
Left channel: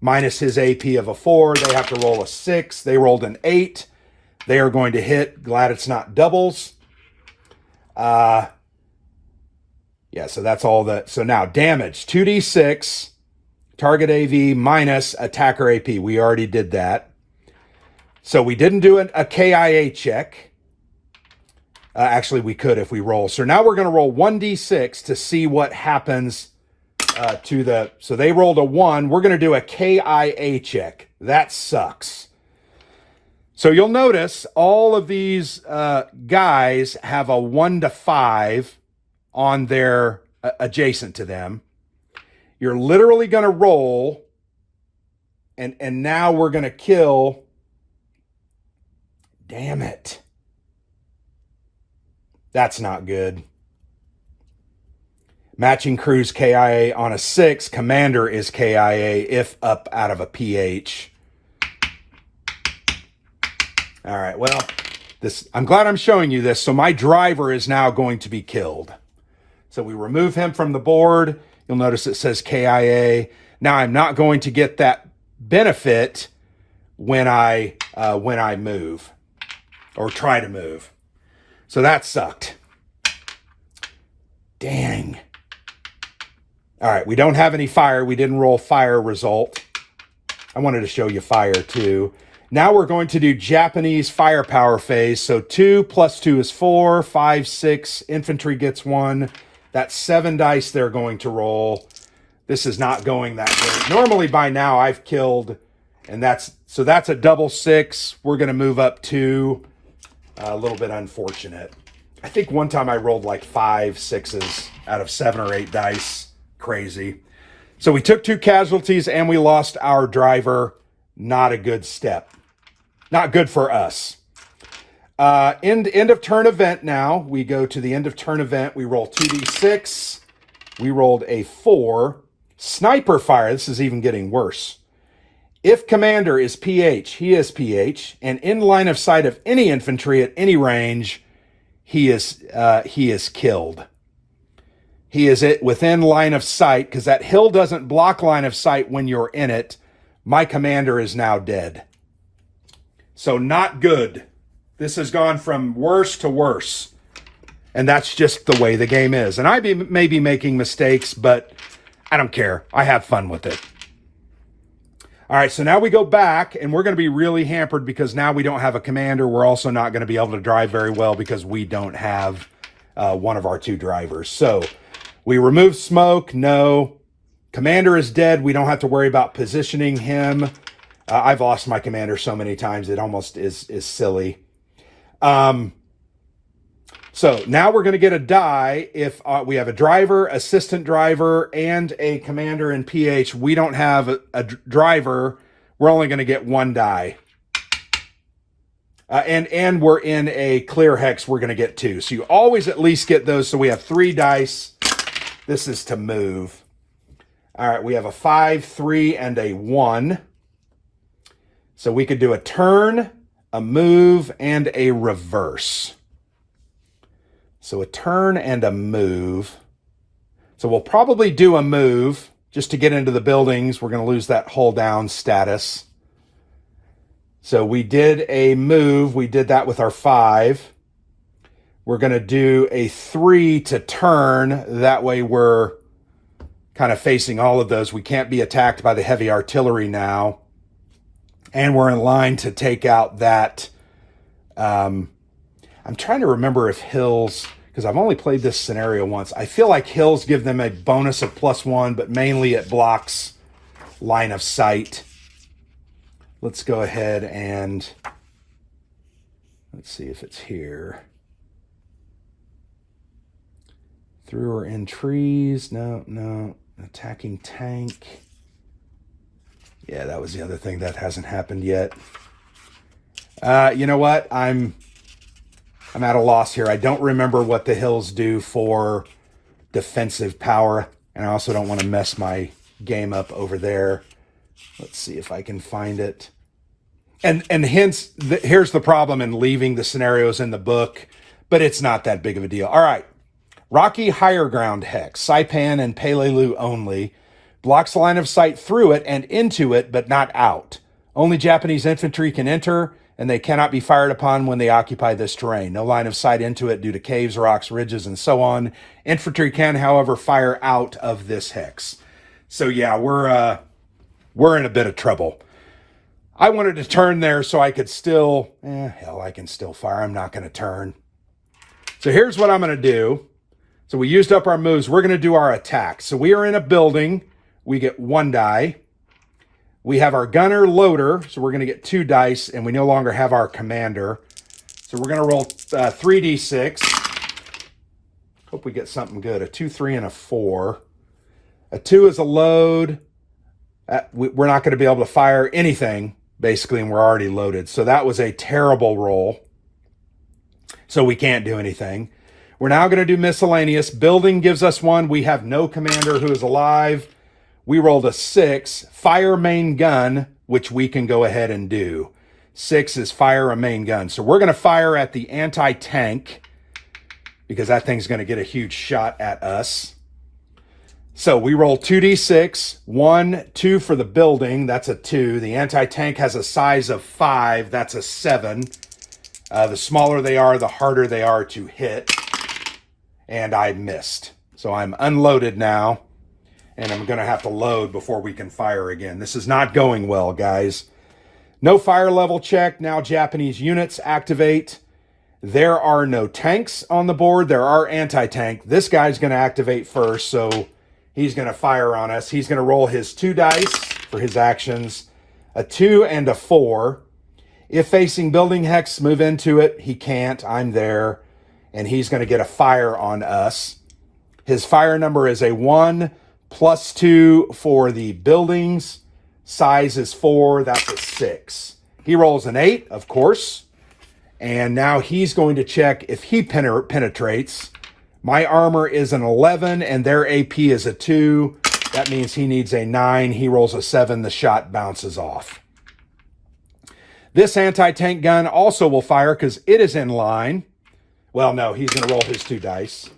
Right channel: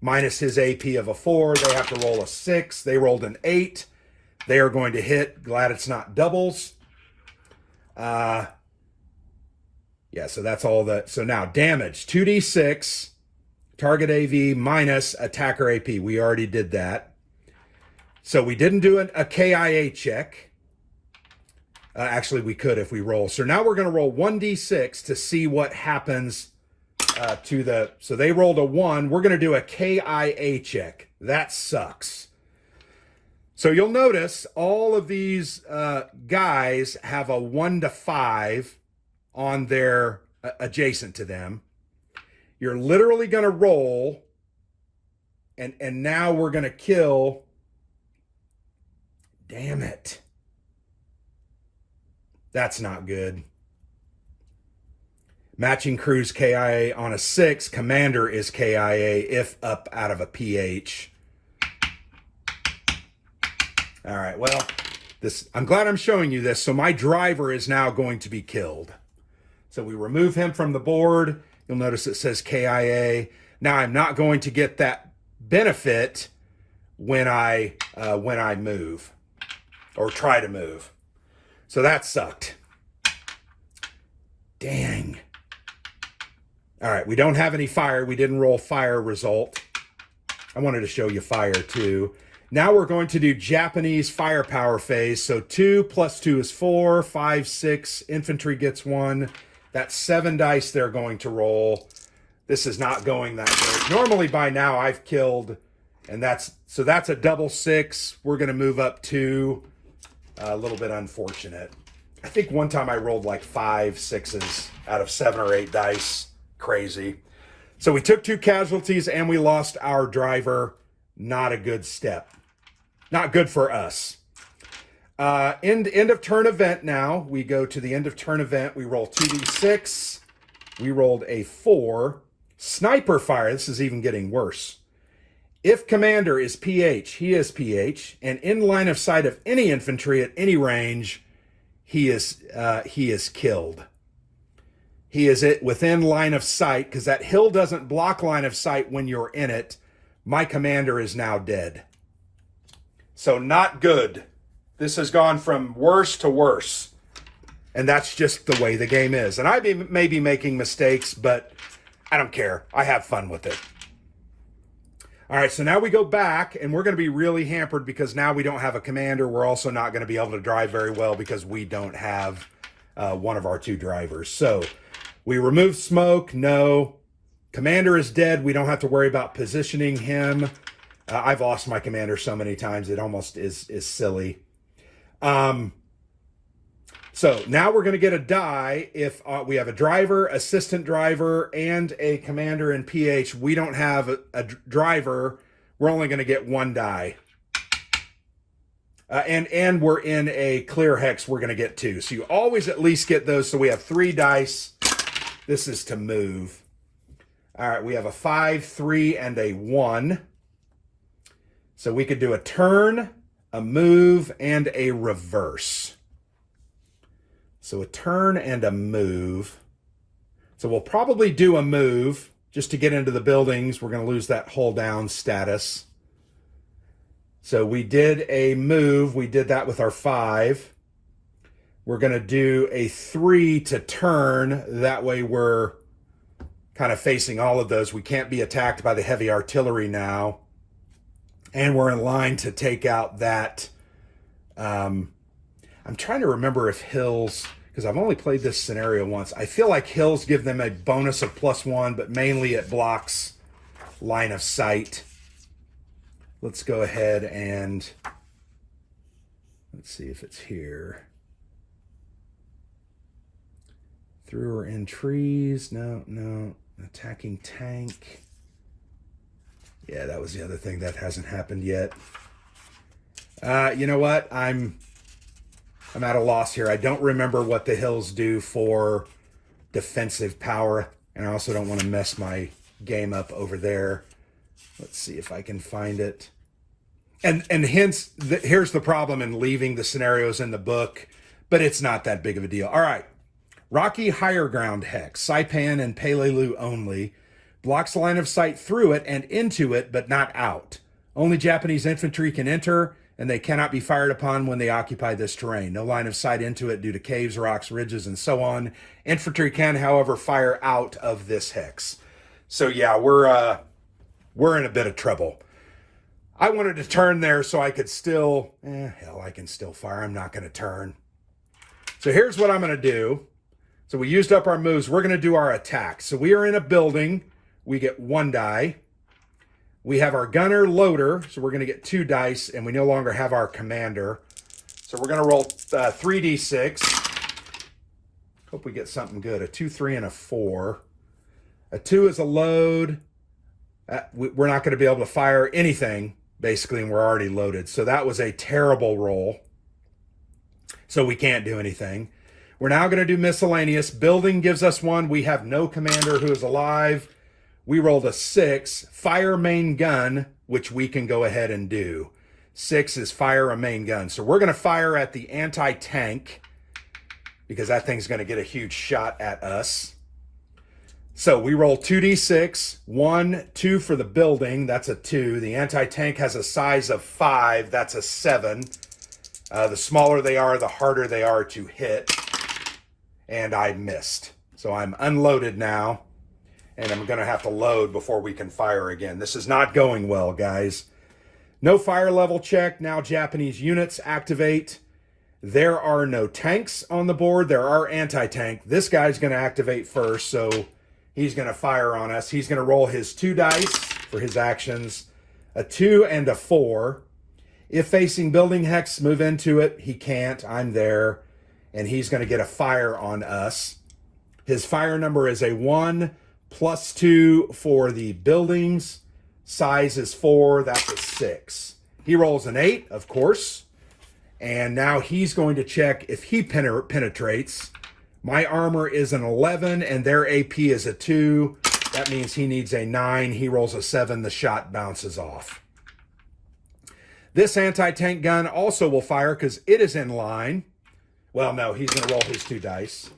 minus his AP of a 4. They have to roll a 6. They rolled an 8. They are going to hit. Glad it's not doubles. Yeah, so that's all that. So now damage, 2d6, target AV minus attacker AP. We already did that. So we didn't do a KIA check. Actually, we could if we roll. So now we're going to roll 1d6 to see what happens to the... So they rolled a 1. We're going to do a KIA check. That sucks. So you'll notice all of these guys have a 1 to 5 on their adjacent to them. You're literally going to roll, and now we're going to kill... Damn it. That's not good. Matching crews KIA on a 6. Commander is KIA if up out of a PH. All right, well, I'm glad I'm showing you this. So my driver is now going to be killed. So we remove him from the board. You'll notice it says KIA. Now I'm not going to get that benefit when I move or try to move. So that sucked. Dang. All right, we don't have any fire. We didn't roll fire result. I wanted to show you fire too. Now we're going to do Japanese firepower phase. So 2 plus 2 is 4, 5, 6. Infantry gets 1. That's 7 dice they're going to roll. This is not going that good. Normally by now I've killed, and that's a double 6. We're going to move up 2. A little bit unfortunate. I think one time I rolled like 5 6s out of 7 or 8 dice. Crazy. So we took 2 casualties and we lost our driver. Not a good step. Not good for us. End of turn event now. We go to the end of turn event. We roll 2d6. We rolled a 4. Sniper fire. This is even getting worse. If commander is PH, he is PH, and in line of sight of any infantry at any range, he is killed. He is within line of sight, because that hill doesn't block line of sight when you're in it. My commander is now dead. So not good. This has gone from worse to worse. And that's just the way the game is. And I may be making mistakes, but I don't care. I have fun with it. All right, so now we go back, and we're going to be really hampered because now we don't have a commander. We're also not going to be able to drive very well because we don't have one of our two drivers. So we remove smoke. No. Commander is dead. We don't have to worry about positioning him. I've lost my commander so many times, it almost is silly. So now we're going to get a die if we have a driver, assistant driver, and a commander in PH. We don't have a driver. We're only going to get one die. And we're in a clear hex. We're going to get two. So you always at least get those. So we have 3 dice. This is to move. All right, we have a 5, 3, and a 1. So we could do a turn, a move, and a reverse. So a turn and a move. So we'll probably do a move just to get into the buildings. We're going to lose that hull down status. So we did a move. We did that with our 5. We're going to do a 3 to turn. That way we're kind of facing all of those. We can't be attacked by the heavy artillery now. And we're in line to take out that. I'm trying to remember if hills, because I've only played this scenario once. I feel like hills give them a bonus of +1, but mainly it blocks line of sight. Let's go ahead and let's see if it's here. Through or in trees. No. Attacking tank. Yeah, that was the other thing that hasn't happened yet. You know what? I'm at a loss here. I don't remember what the hills do for defensive power, and I also don't want to mess my game up over there. Let's see if I can find it. And hence, here's the problem in leaving the scenarios in the book, but it's not that big of a deal. All right. Rocky Higher Ground Hex, Saipan and Peleliu only. Blocks line of sight through it and into it, but not out. Only Japanese infantry can enter, and they cannot be fired upon when they occupy this terrain. No line of sight into it due to caves, rocks, ridges, and so on. Infantry can, however, fire out of this hex. So yeah, we're in a bit of trouble. I wanted to turn there so I could still, hell, I can still fire. I'm not going to turn. So here's what I'm going to do. So we used up our moves. We're going to do our attack. So we are in a building. We get 1 die. We have our gunner loader. So we're going to get 2 dice, and we no longer have our commander. So we're going to roll 3d6. Hope we get something good. A 2, 3, and a 4. A 2 is a load. We're not going to be able to fire anything, basically, and we're already loaded. So that was a terrible roll. So we can't do anything. We're now going to do miscellaneous. Building gives us 1. We have no commander who is alive. We rolled a 6. Fire main gun, which we can go ahead and do. 6 is fire a main gun. So we're going to fire at the anti-tank because that thing's going to get a huge shot at us. So we roll 2d6. 1, 2 for the building. That's a 2. The anti-tank has a size of 5. That's a 7. The smaller they are, the harder they are to hit. And I missed. So I'm unloaded now. And I'm going to have to load before we can fire again. This is not going well, guys. No fire level check. Now Japanese units activate. There are no tanks on the board. There are anti-tank. This guy's going to activate first, so he's going to fire on us. He's going to roll his 2 dice for his actions. A 2 and a 4. If facing building hex, move into it. He can't. I'm there. And he's going to get a fire on us. His fire number is a 1 +2 for the buildings. Size is 4. That's a 6. He rolls an 8, of course. And now he's going to check if he penetrates. My armor is an 11 and their AP is a 2. That means he needs a 9. He rolls a 7. The shot bounces off. This anti-tank gun also will fire because it is in line. Well, no, he's going to roll his 2 dice.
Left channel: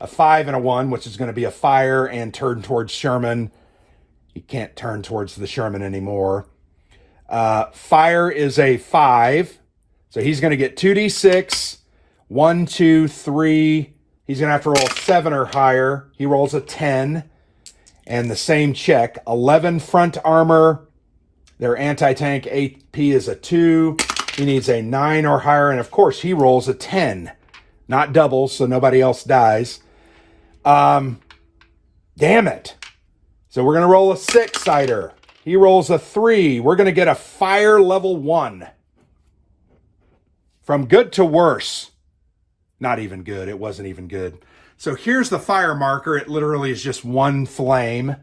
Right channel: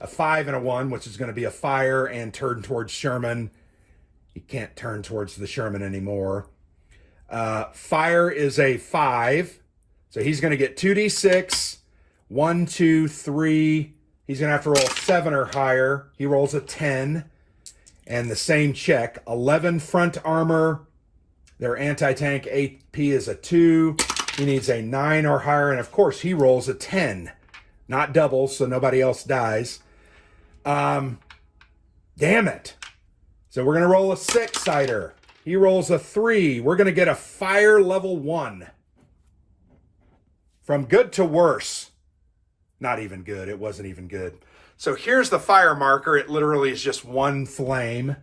A 5 and a 1, which is going to be a fire and turn towards Sherman. He can't turn towards the Sherman anymore. Fire is a 5. So he's going to get 2d6. 1, 2, 3. He's going to have to roll 7 or higher. He rolls a 10. And the same check. 11 front armor. Their anti-tank AP is a 2. He needs a 9 or higher, and of course he rolls a 10. Not doubles, so nobody else dies. Damn it. So we're going to roll a 6-sider. He rolls a 3. We're going to get a fire level 1. From good to worse. Not even good. It wasn't even good. So here's the fire marker. It literally is just one flame.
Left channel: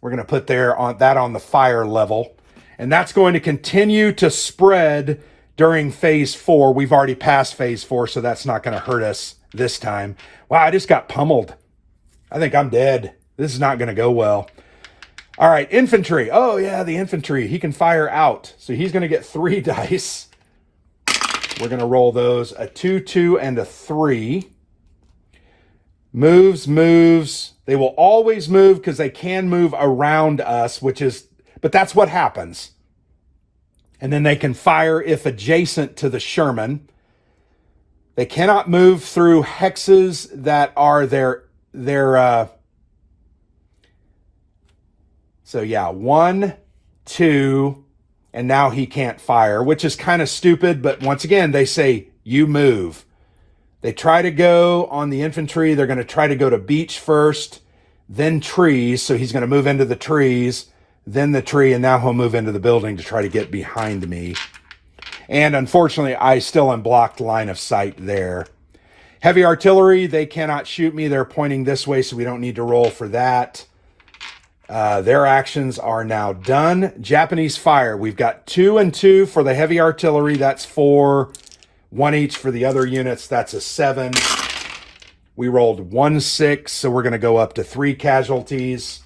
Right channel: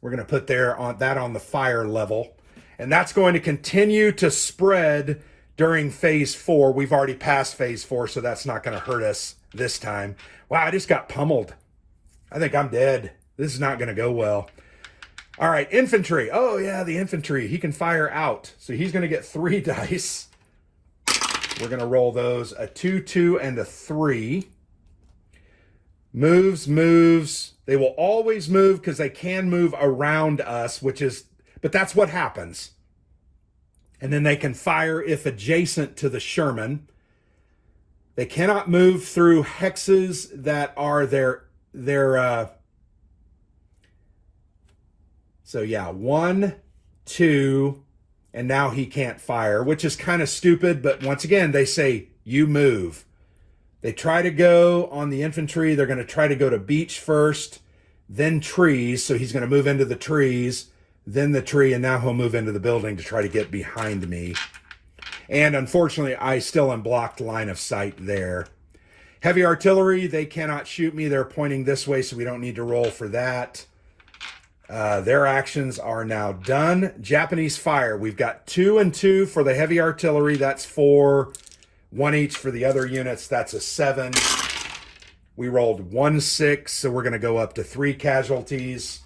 We're going to put that on the fire level. And that's going to continue to spread during phase 4. We've already passed phase 4, so that's not going to hurt us this time. Wow, I just got pummeled. I think I'm dead. This is not going to go well. All right, infantry. Oh, yeah, the infantry. He can fire out. So he's going to get 3 dice. We're going to roll those. A 2, 2, and a 3. Moves. They will always move because they can move around us, but that's what happens. And then they can fire if adjacent to the Sherman. They cannot move through hexes that are so yeah, 1, 2, and now he can't fire, which is kind of stupid, but once again, they say, you move. They try to go on the infantry. They're going to try to go to beach first, then trees. So he's going to move into the trees, then the tree, and now he'll move into the building to try to get behind me. And unfortunately, I still am blocked line of sight there. Heavy artillery, they cannot shoot me. They're pointing this way, so we don't need to roll for that. Their actions are now done. Japanese fire. We've got 2 and 2 for the heavy artillery. That's 4. 1 each for the other units. That's a 7. We rolled 1, 6, so we're going to go up to 3 casualties.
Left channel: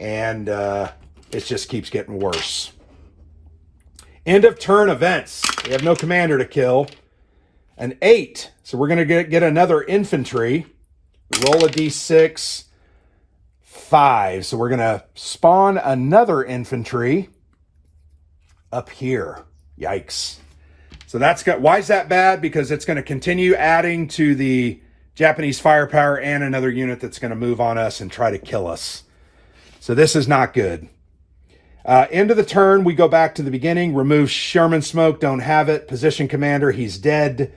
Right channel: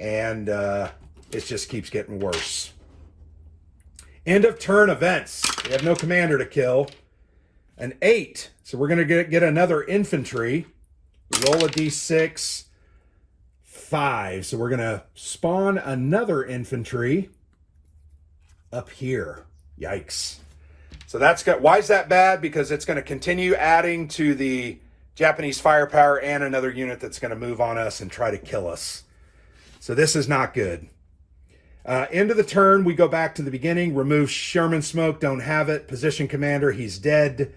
And it just keeps getting worse. End of turn events. We have no commander to kill. An 8. So we're going to get another infantry. Roll a d6. 5. So we're going to spawn another infantry up here. Yikes. So why is that bad? Because it's going to continue adding to the Japanese firepower and another unit that's going to move on us and try to kill us. So this is not good. End of the turn, we go back to the beginning. Remove Sherman smoke, don't have it. Position commander, he's dead.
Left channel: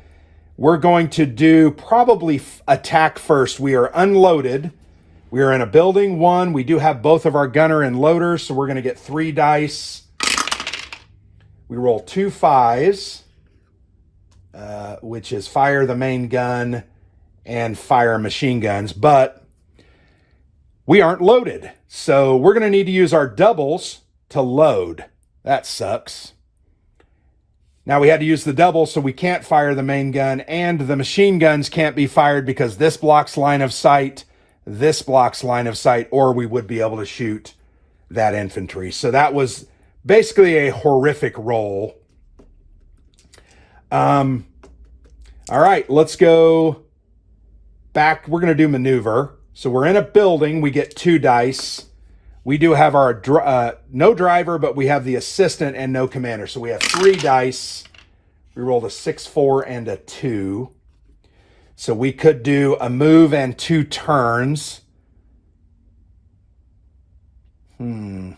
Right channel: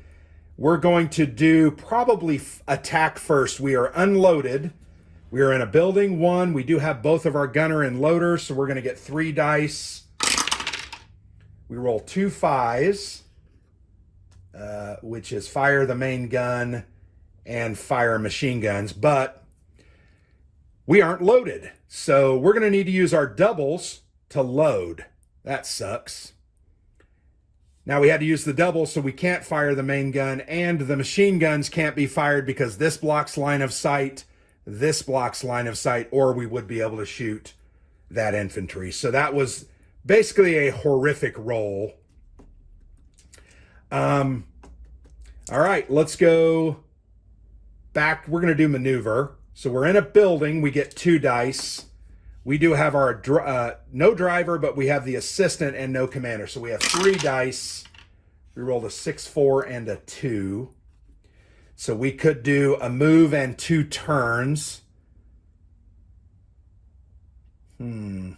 We're going to do probably attack first. We are unloaded. We are in a building 1. We do have both of our gunner and loader, so we're going to get 3 dice. We roll 2 5s, which is fire the main gun and fire machine guns, but we aren't loaded. So we're going to need to use our doubles to load. That sucks. Now we had to use the double, so we can't fire the main gun, and the machine guns can't be fired because this blocks line of sight, this blocks line of sight, or we would be able to shoot that infantry. So that was basically a horrific roll. All right, let's go back. We're going to do maneuver. So we're in a building. We get 2 dice. We do have our no driver, but we have the assistant and no commander. So we have 3 dice. We rolled a 6, 4, and a 2. So we could do a move and 2 turns. Damn.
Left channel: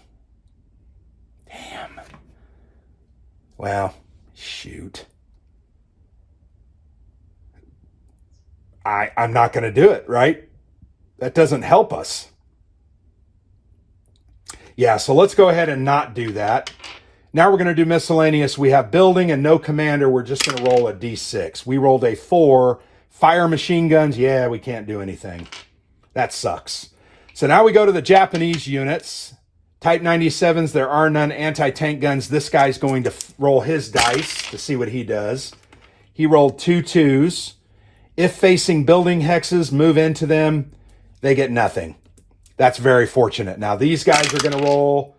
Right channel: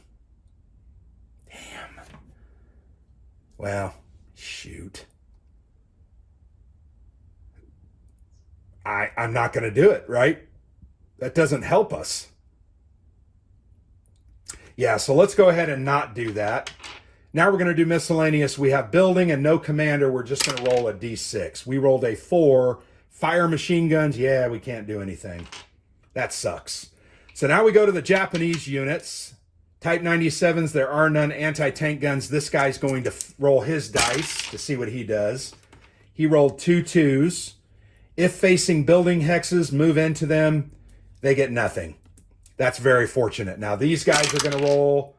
Well, shoot. I'm not going to do it, right? That doesn't help us. Yeah, so let's go ahead and not do that. Now we're going to do miscellaneous. We have building and no commander. We're just going to roll a d6. We rolled a 4. Fire machine guns. Yeah, we can't do anything. That sucks. So now we go to the Japanese units. Type 97s, there are none. Anti-tank guns. This guy's going to roll his dice to see what he does. He rolled 2 2s. If facing building hexes, move into them. They get nothing. That's very fortunate. Now these guys are going to roll.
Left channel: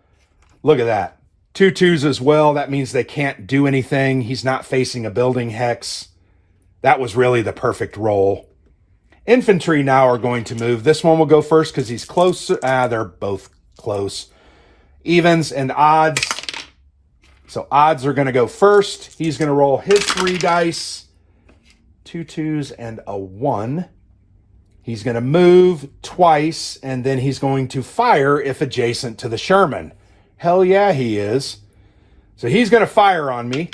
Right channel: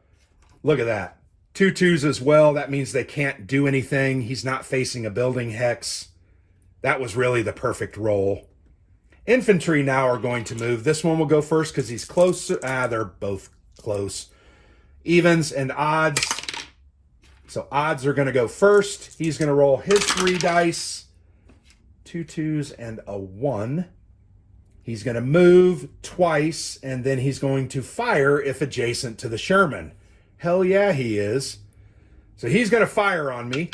Look at that. 2 2s as well. That means they can't do anything. He's not facing a building hex. That was really the perfect roll. Infantry now are going to move. This one will go first because he's close. They're both close. Evens and odds. So odds are going to go first. He's going to roll his 3 dice. 2 2s and a 1. He's going to move twice, and then he's going to fire if adjacent to the Sherman. Hell yeah, he is. So he's going to fire on me.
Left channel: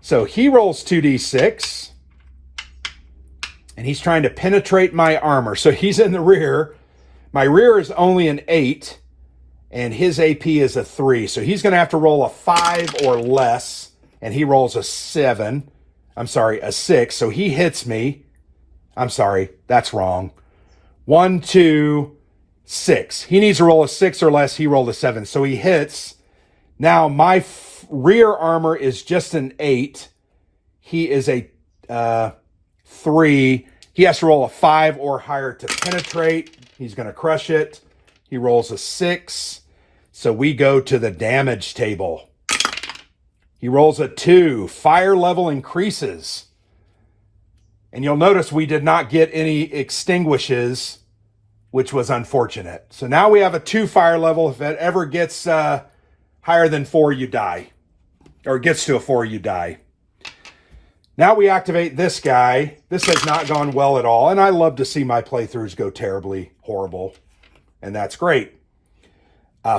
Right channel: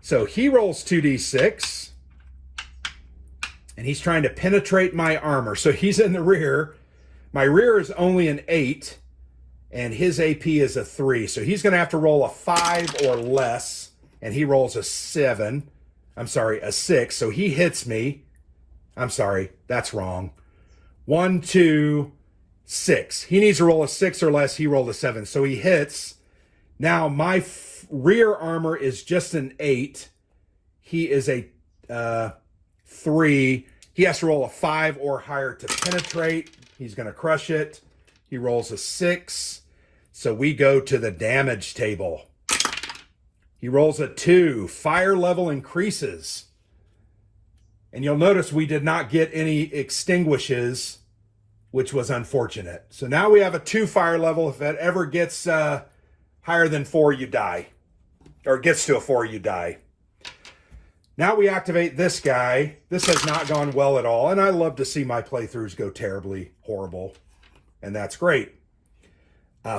So he rolls 2d6. And he's trying to penetrate my armor. So he's in the rear. My rear is only an 8. And his AP is a 3. So he's going to have to roll a 5 or less. And he rolls a 7. I'm sorry, a 6. So he hits me. I'm sorry, that's wrong. 1, 2, 6. He needs to roll a 6 or less. He rolled a 7. So he hits. Now my rear armor is just an 8. He is a 3. He has to roll a 5 or higher to penetrate. He's going to crush it. He rolls a 6. So we go to the damage table. He rolls a 2. Fire level increases. And you'll notice we did not get any extinguishes, which was unfortunate. So now we have a 2 fire level. If it ever gets higher than 4, you die. Or gets to a 4, you die. Now we activate this guy. This has not gone well at all. And I love to see my playthroughs go terribly horrible. And that's great.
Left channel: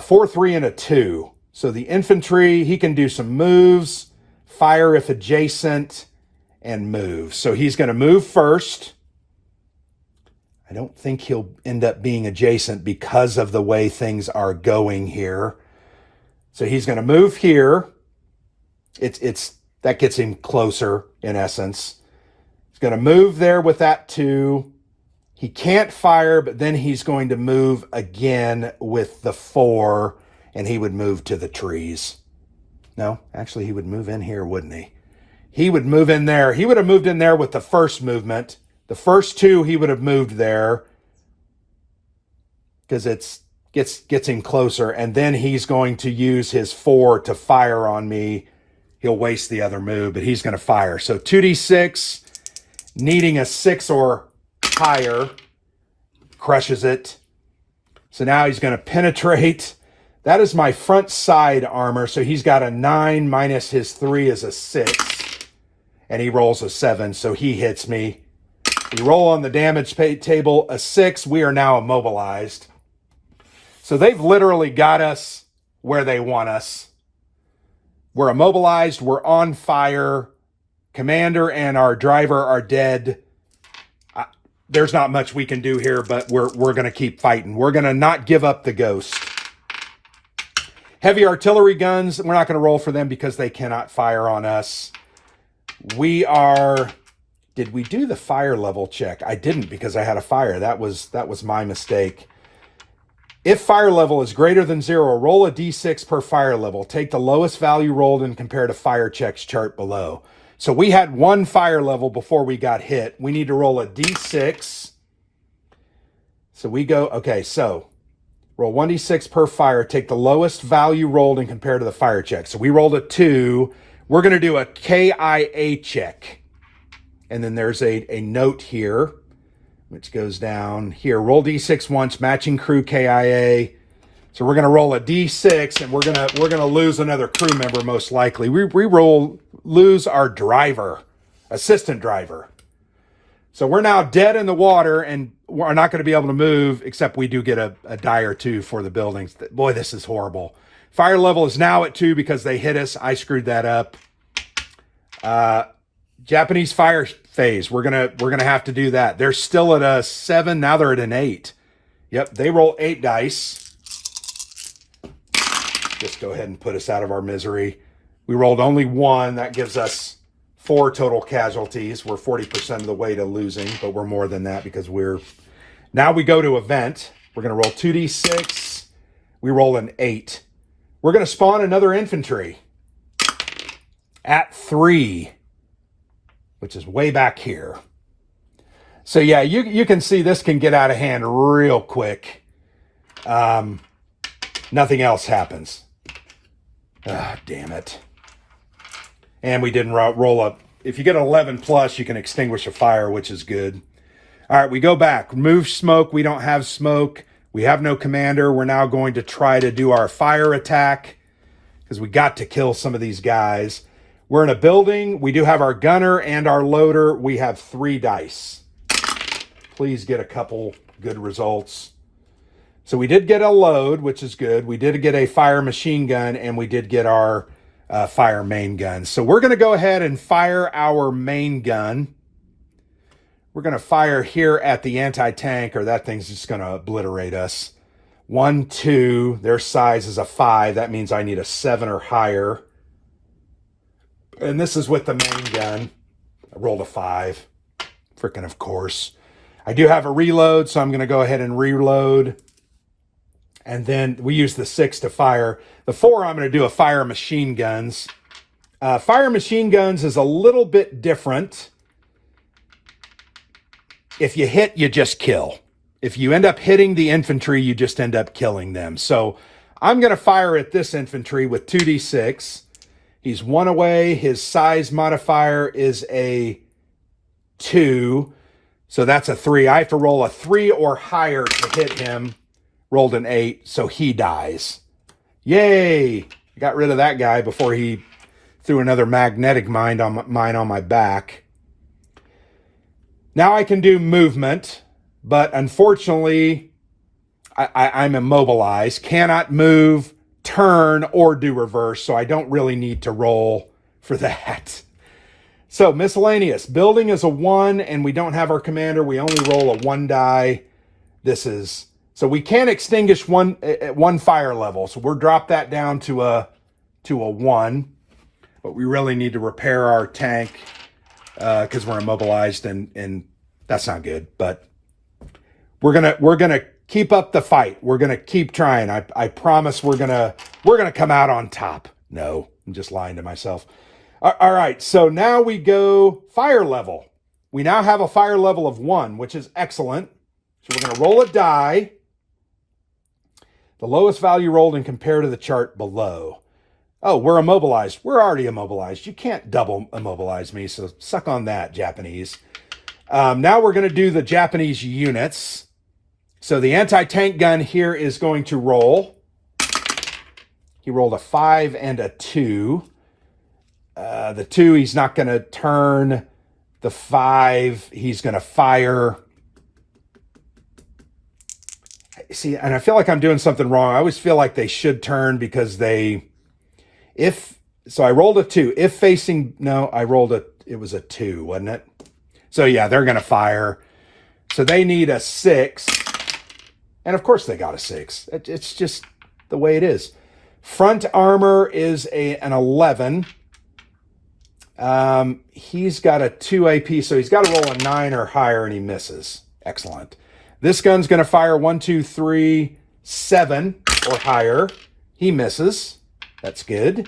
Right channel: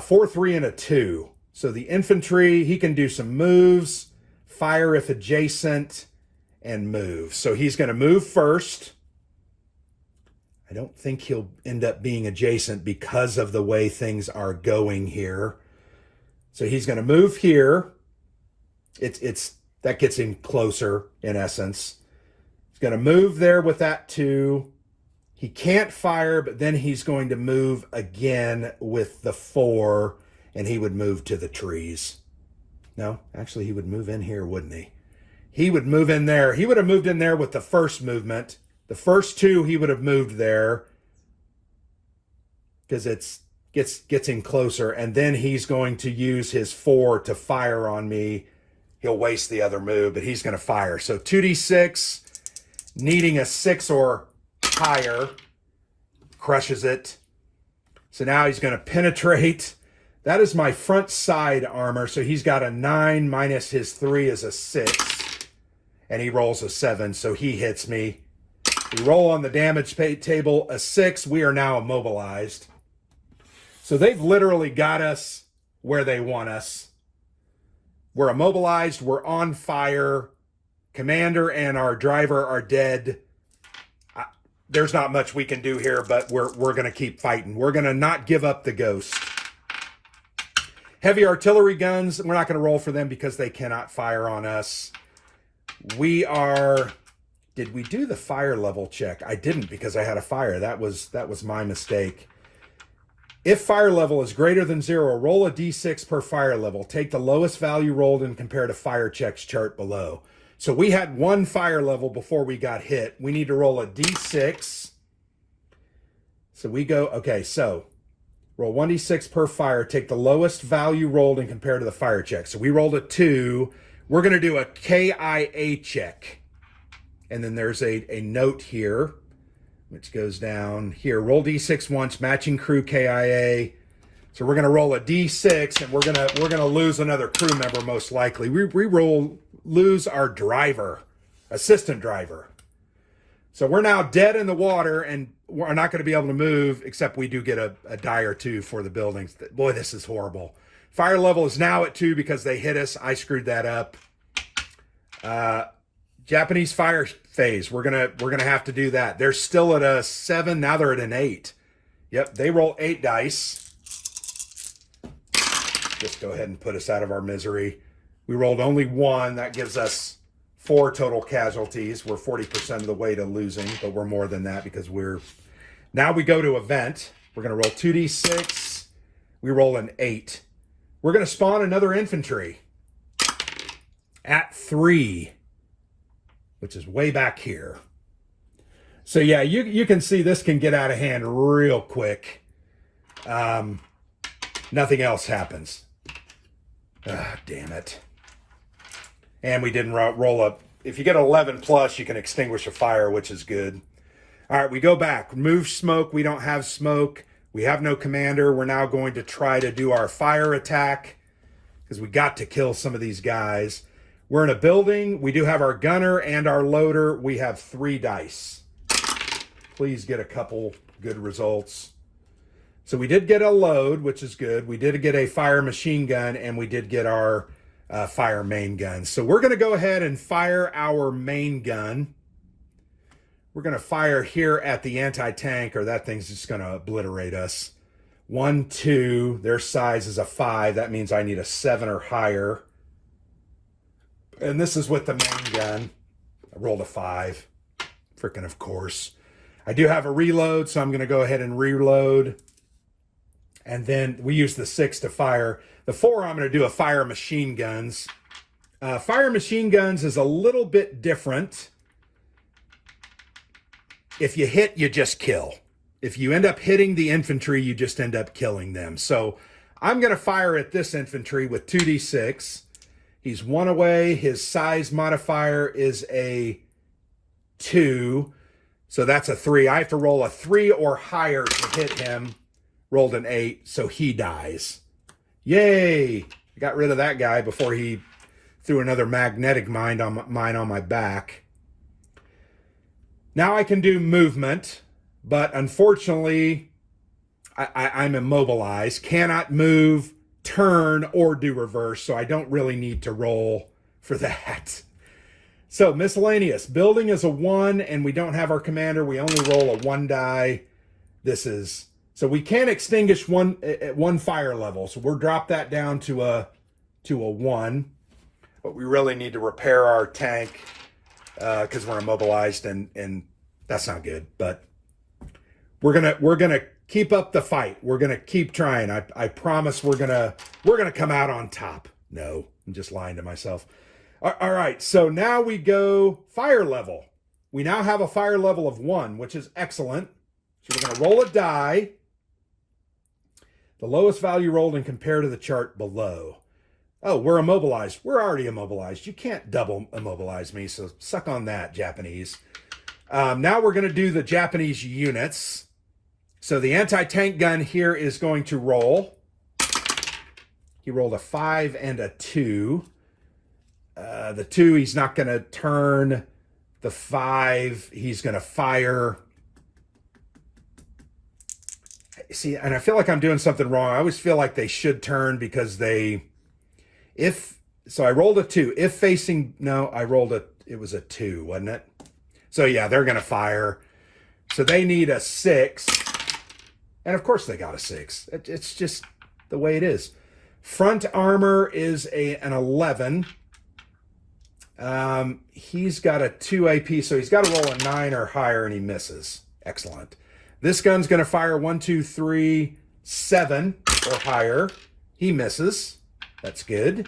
4, 3, and a 2. So the infantry, he can do some moves, fire if adjacent, and move. So he's going to move first. I don't think he'll end up being adjacent because of the way things are going here. So he's going to move here. That gets him closer, in essence. He's going to move there with that 2. He can't fire, but then he's going to move again with the 4, and he would move to the trees. No, actually, he would move in here, wouldn't he? He would move in there. He would have moved in there with the first movement. The first 2, he would have moved there because it gets him closer, and then he's going to use his 4 to fire on me. He'll waste the other move, but he's going to fire. So 2d6, needing a 6 or higher, crushes it. So now he's going to penetrate. That is my front side armor. So he's got a 9 minus his 3 is a 6. And he rolls a 7, so he hits me. We roll on the damage table a 6. We are now immobilized. So they've literally got us where they want us. We're immobilized. We're on fire. Commander and our driver are dead. There's not much we can do here, but we're going to keep fighting. We're going to not give up the ghost. Heavy artillery guns, we're not going to roll for them because they cannot fire on us. Did we do the fire level check? I didn't because I had a fire. That was my mistake. If fire level is greater than 0, roll a d6 per fire level. Take the lowest value rolled and compare to fire checks chart below. So we had 1 fire level before we got hit. We need to roll a d6. So we go, okay, so roll 1d6 per fire. Take the lowest value rolled and compare to the fire check. So we rolled a 2. We're going to do a KIA check. And then there's a note here, which goes down here. Roll d6 once, matching crew KIA. So we're going to roll a d6, and we're going to lose another crew member most likely. We lose our driver, assistant driver. So we're now dead in the water, and we're not going to be able to move, except we do get a die or 2 for the buildings. Boy, this is horrible. Fire level is now at 2 because they hit us. I screwed that up. Japanese fire phase. We're gonna have to do that. They're still at a 7. Now they're at an 8. Yep, they roll 8 dice. Just go ahead and put us out of our misery. We rolled only 1. That gives us 4 total casualties. We're 40% of the way to losing, but we're more than that because now we go to event. We're gonna roll 2d6. We roll an 8. We're gonna spawn another infantry at 3. Which is way back here. So yeah, you can see this can get out of hand real quick. Nothing else happens. Ah, damn it. And we didn't roll up. If you get 11 plus, you can extinguish a fire, which is good. All right, we go back. Remove smoke. We don't have smoke. We have no commander. We're now going to try to do our fire attack because we got to kill some of these guys. We're in a building. We do have our gunner and our loader. We have 3 dice. Please get a couple good results. So we did get a load, which is good. We did get a fire machine gun, and we did get our fire main gun. So we're going to go ahead and fire our main gun. We're going to fire here at the anti-tank, or that thing's just going to obliterate us. 1, 2, their size is a 5. That means I need a 7 or higher. And this is with the main gun. I rolled a 5. Freaking of course. I do have a reload, so I'm going to go ahead and reload. And then we use the 6 to fire. The 4, I'm going to do a fire machine guns. Fire machine guns is a little bit different. If you hit, you just kill. If you end up hitting the infantry, you just end up killing them. So I'm going to fire at this infantry with 2d6. He's 1 away. His size modifier is a 2. So that's a 3. I have to roll a 3 or higher to hit him. Rolled an 8, so he dies. Yay! I got rid of that guy before he threw another magnetic mine on my back. Now I can do movement, but unfortunately, I'm immobilized. Cannot move, turn, or do reverse, so I don't really need to roll for that. So miscellaneous. Building is a 1, and we don't have our commander. We only roll a 1 die. So we can extinguish one fire level. So we'll drop that down to a 1. But we really need to repair our tank because we're immobilized, and that's not good. But we're gonna keep up the fight. We're gonna keep trying. I promise we're gonna come out on top. No, I'm just lying to myself. All right, so now we go fire level. We now have a fire level of 1, which is excellent. So we're gonna roll a die. The lowest value rolled and compare to the chart below. Oh, we're immobilized. We're already immobilized. You can't double immobilize me, so suck on that, Japanese. Now we're going to do the Japanese units. So the anti-tank gun here is going to roll. He rolled a 5 and a 2. The 2, he's not going to turn. The 5, he's going to fire. See, and I feel like I'm doing something wrong. I always feel like they should turn because so I rolled a 2. If facing, no, it was a 2, wasn't it? So yeah, they're going to fire. So they need a 6. And of course they got a 6. It's just the way it is. Front armor is an 11. He's got a 2 AP, so he's got to roll a 9 or higher, and he misses. Excellent. This gun's going to fire 1, 2, 3, 7 or higher. He misses. That's good.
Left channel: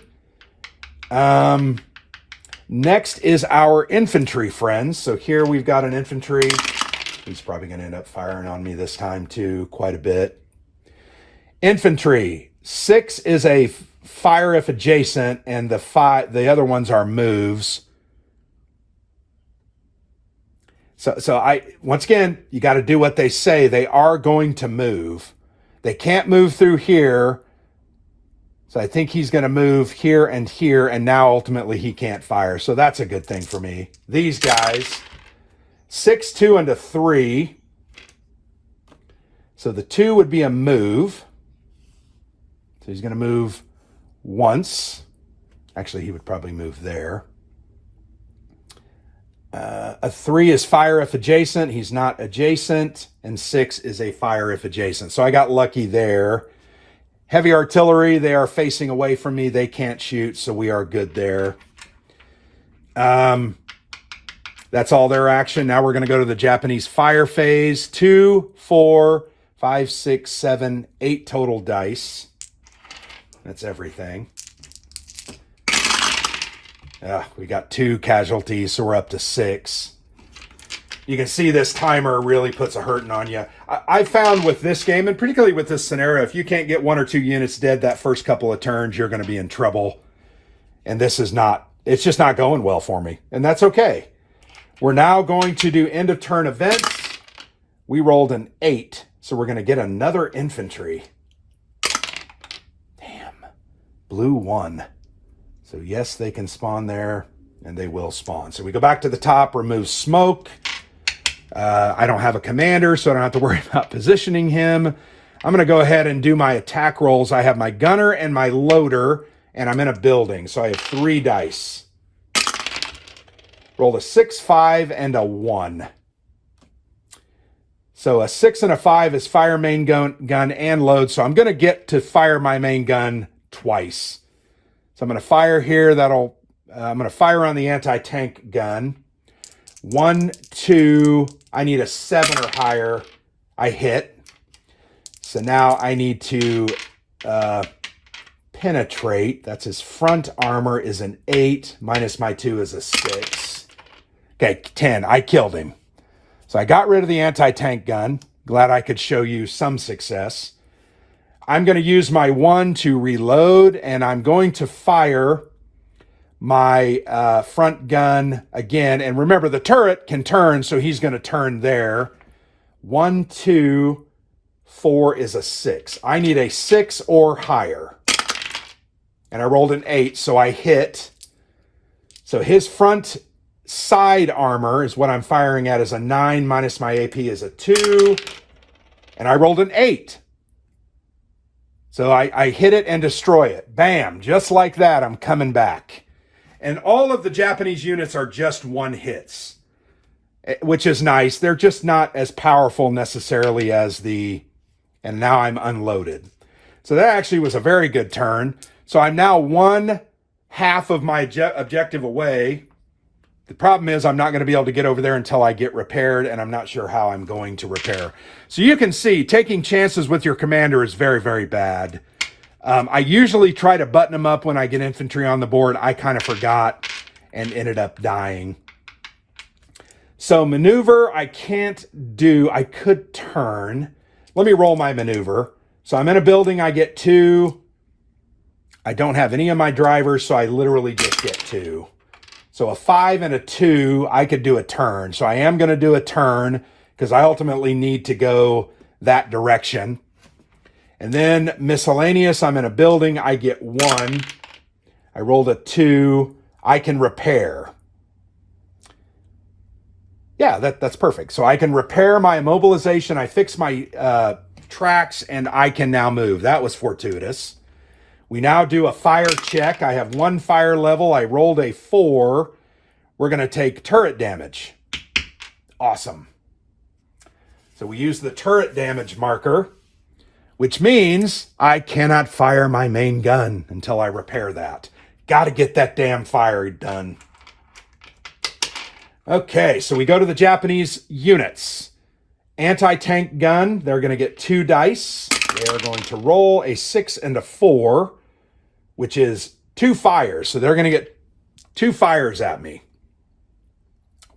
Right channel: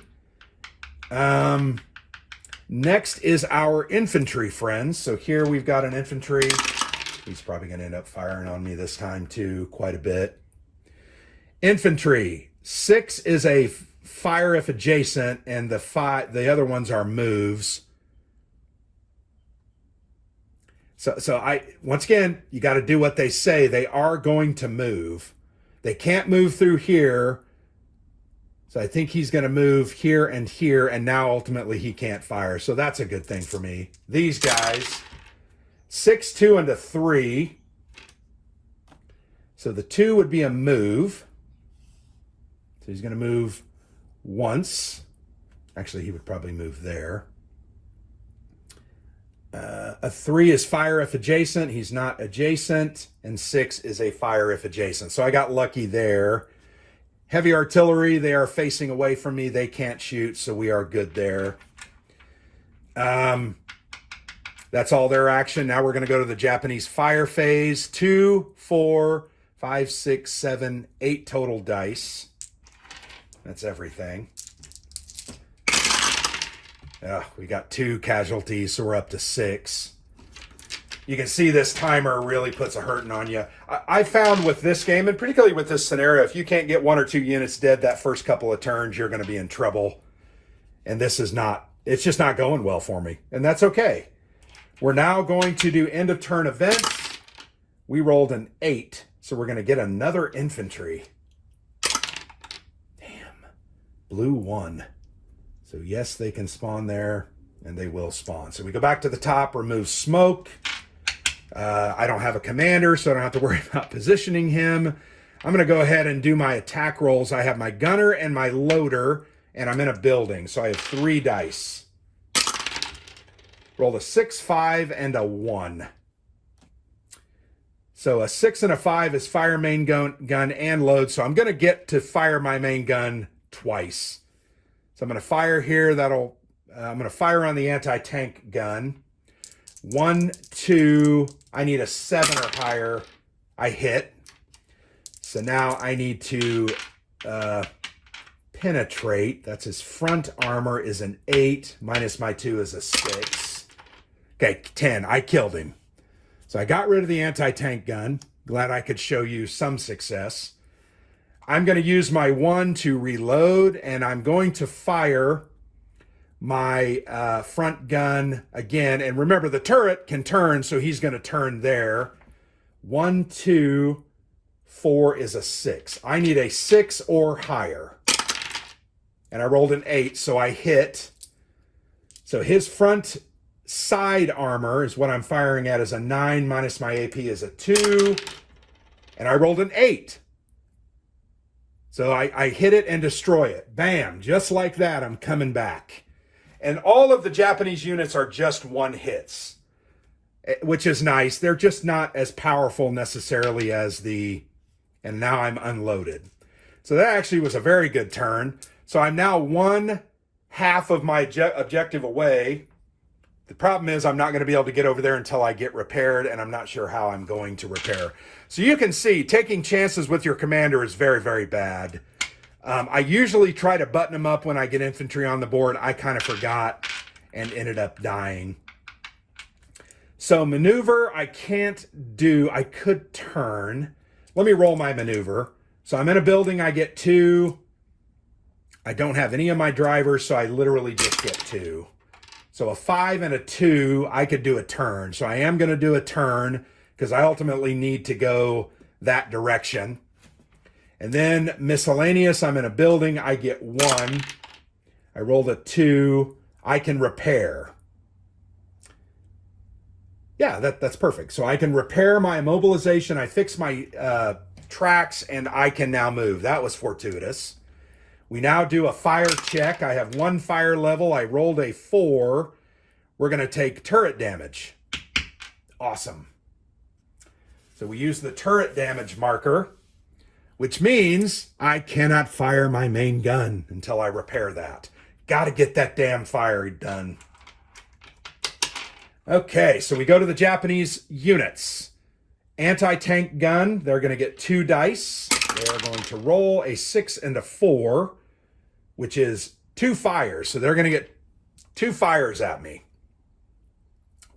Next is our infantry friends. So here we've got an infantry. He's probably going to end up firing on me this time too, quite a bit. Infantry. 6 is a fire if adjacent, and the other ones are moves. So once again, you got to do what they say. They are going to move. They can't move through here. So I think he's going to move here, and now ultimately he can't fire. So that's a good thing for me. These guys, 6, 2, and a 3. So the 2 would be a move. So he's going to move once. Actually, he would probably move there. A 3 is fire if adjacent. He's not adjacent. And 6 is a fire if adjacent. So I got lucky there. Heavy artillery, they are facing away from me. They can't shoot, so we are good there. That's all their action. Now we're going to go to the Japanese fire phase. 2, 4, 5, 6, 7, 8 total dice. That's everything. We got 2 casualties, so we're up to 6. You can see this timer really puts a hurting on you. I found with this game, and particularly with this scenario, if you can't get 1 or 2 units dead that first couple of turns, you're going to be in trouble. And this is not, it's just not going well for me. And that's okay. We're now going to do end of turn events. We rolled an 8, so we're going to get another infantry. Damn. Blue 1. So yes, they can spawn there, and they will spawn. So we go back to the top, remove smoke. I don't have a commander, so I don't have to worry about positioning him. I'm going to go ahead and do my attack rolls. I have my gunner and my loader, and I'm in a building. So I have 3 dice. Rolled a 6, 5, and a 1. So a 6 and a 5 is fire main gun and load. So I'm going to get to fire my main gun twice. So I'm going to fire here. I'm going to fire on the anti-tank gun. 1, 2. I need a 7 or higher. I hit. So now I need to penetrate. That's his front armor is an 8. Minus my 2 is a 6. Okay, 10. I killed him. So I got rid of the anti-tank gun. Glad I could show you some success. I'm going to use my 1 to reload, and I'm going to fire my front gun again. And remember, the turret can turn, so he's going to turn there. 1, 2, 4 is a 6. I need a 6 or higher. And I rolled an 8, so I hit. So his front side armor is what I'm firing at, is a 9, minus my AP is a 2. And I rolled an 8. So I hit it and destroy it. Bam, just like that, I'm coming back. And all of the Japanese units are just 1 hits, which is nice. They're just not as powerful necessarily as and now I'm unloaded. So that actually was a very good turn. So I'm now 1/2 of my objective away. The problem is I'm not going to be able to get over there until I get repaired, and I'm not sure how I'm going to repair. So you can see taking chances with your commander is very, very bad. I usually try to button them up when I get infantry on the board. I kind of forgot and ended up dying. So maneuver, I can't do. I could turn. Let me roll my maneuver. So I'm in a building. I get 2. I don't have any of my drivers, so I literally just get 2. So a 5 and a 2, I could do a turn. So I am going to do a turn because I ultimately need to go that direction. And then miscellaneous, I'm in a building. I get 1. I rolled a 2. I can repair. Yeah, that's perfect. So I can repair my immobilization. I fix my tracks, and I can now move. That was fortuitous. We now do a fire check. I have 1 fire level. I rolled a 4. We're going to take turret damage. Awesome. So we use the turret damage marker, which means I cannot fire my main gun until I repair that. Got to get that damn fire done. Okay, so we go to the Japanese units. Anti-tank gun, they're going to get 2 dice. They are going to roll a 6 and a 4, which is 2 fires. So they're going to get 2 fires at me.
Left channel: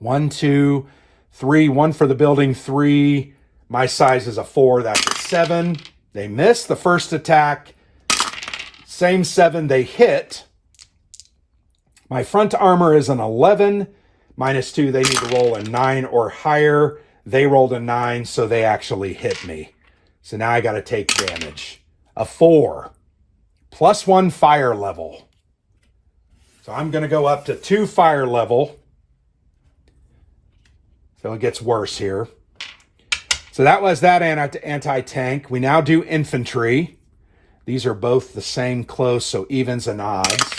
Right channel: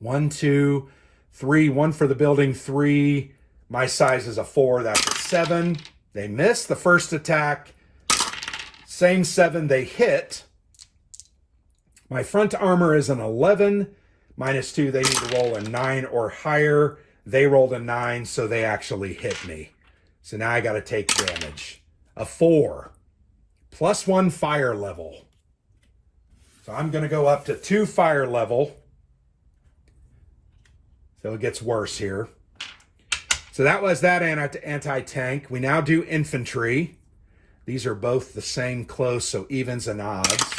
1, 2, 3. 1 for the building, 3. My size is a 4. That's a 7. They miss the first attack. Same 7. They hit. My front armor is an 11. Minus 2. They need to roll a 9 or higher. They rolled a 9, so they actually hit me. So now I got to take damage. A 4. Plus 1 fire level. So I'm going to go up to 2 fire level. So it gets worse here. So that was that anti-tank. We now do infantry. These are both the same close, so evens and odds.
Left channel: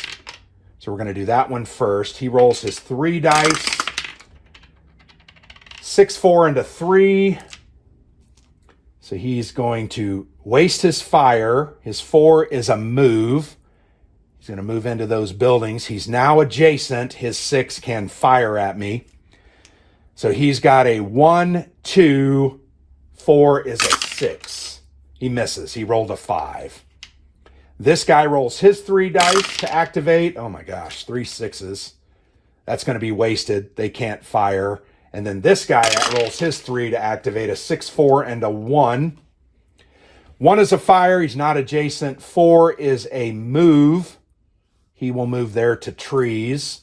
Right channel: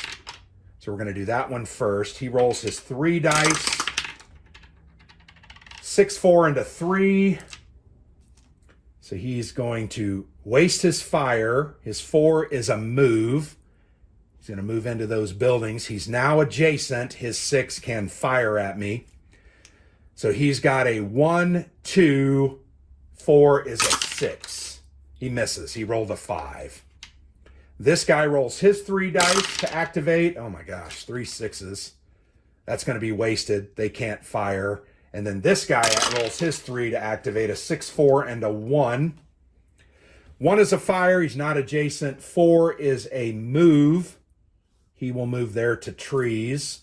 So we're going to do that one first. He rolls his 3 dice. 6, 4, and a 3. So he's going to waste his fire. His 4 is a move. He's going to move into those buildings. He's now adjacent. His 6 can fire at me. So he's got a 1, 2, 4 is a 6. He misses. He rolled a 5. This guy rolls his 3 dice to activate. Oh my gosh, 3 6s. That's going to be wasted. They can't fire. And then this guy rolls his 3 to activate a 6, 4, and a 1. 1 is a fire. He's not adjacent. 4 is a move. He will move there to trees.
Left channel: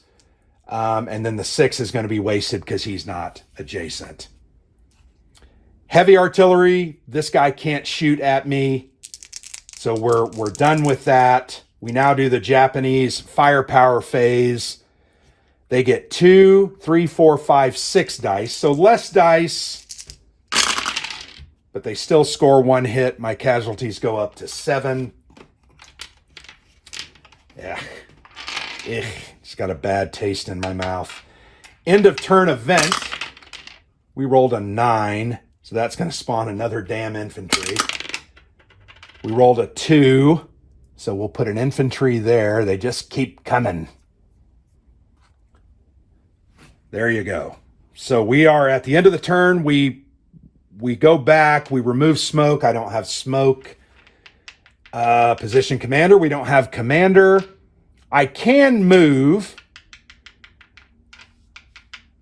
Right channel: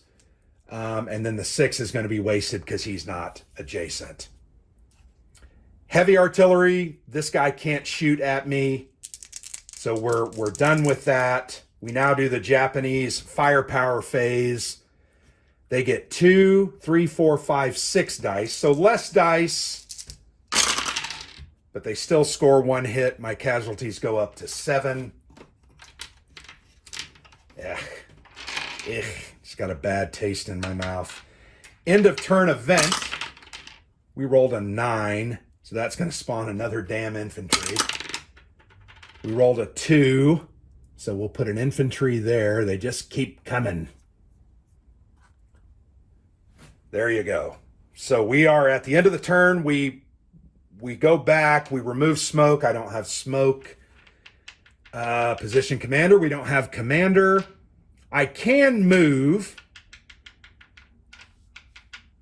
And then the 6 is going to be wasted because he's not adjacent. Heavy artillery. This guy can't shoot at me. So we're done with that. We now do the Japanese firepower phase. They get 2, 3, 4, 5, 6 dice. So less dice. but they still score 1 hit. My casualties go up to 7. Yeah. It's got a bad taste in my mouth. End of turn event. We rolled a 9, so that's going to spawn another damn infantry. We rolled a 2, so we'll put an infantry there. They just keep coming. There you go. So we are at the end of the turn. We go back. We remove smoke. I don't have smoke. Position commander. We don't have commander. I can move,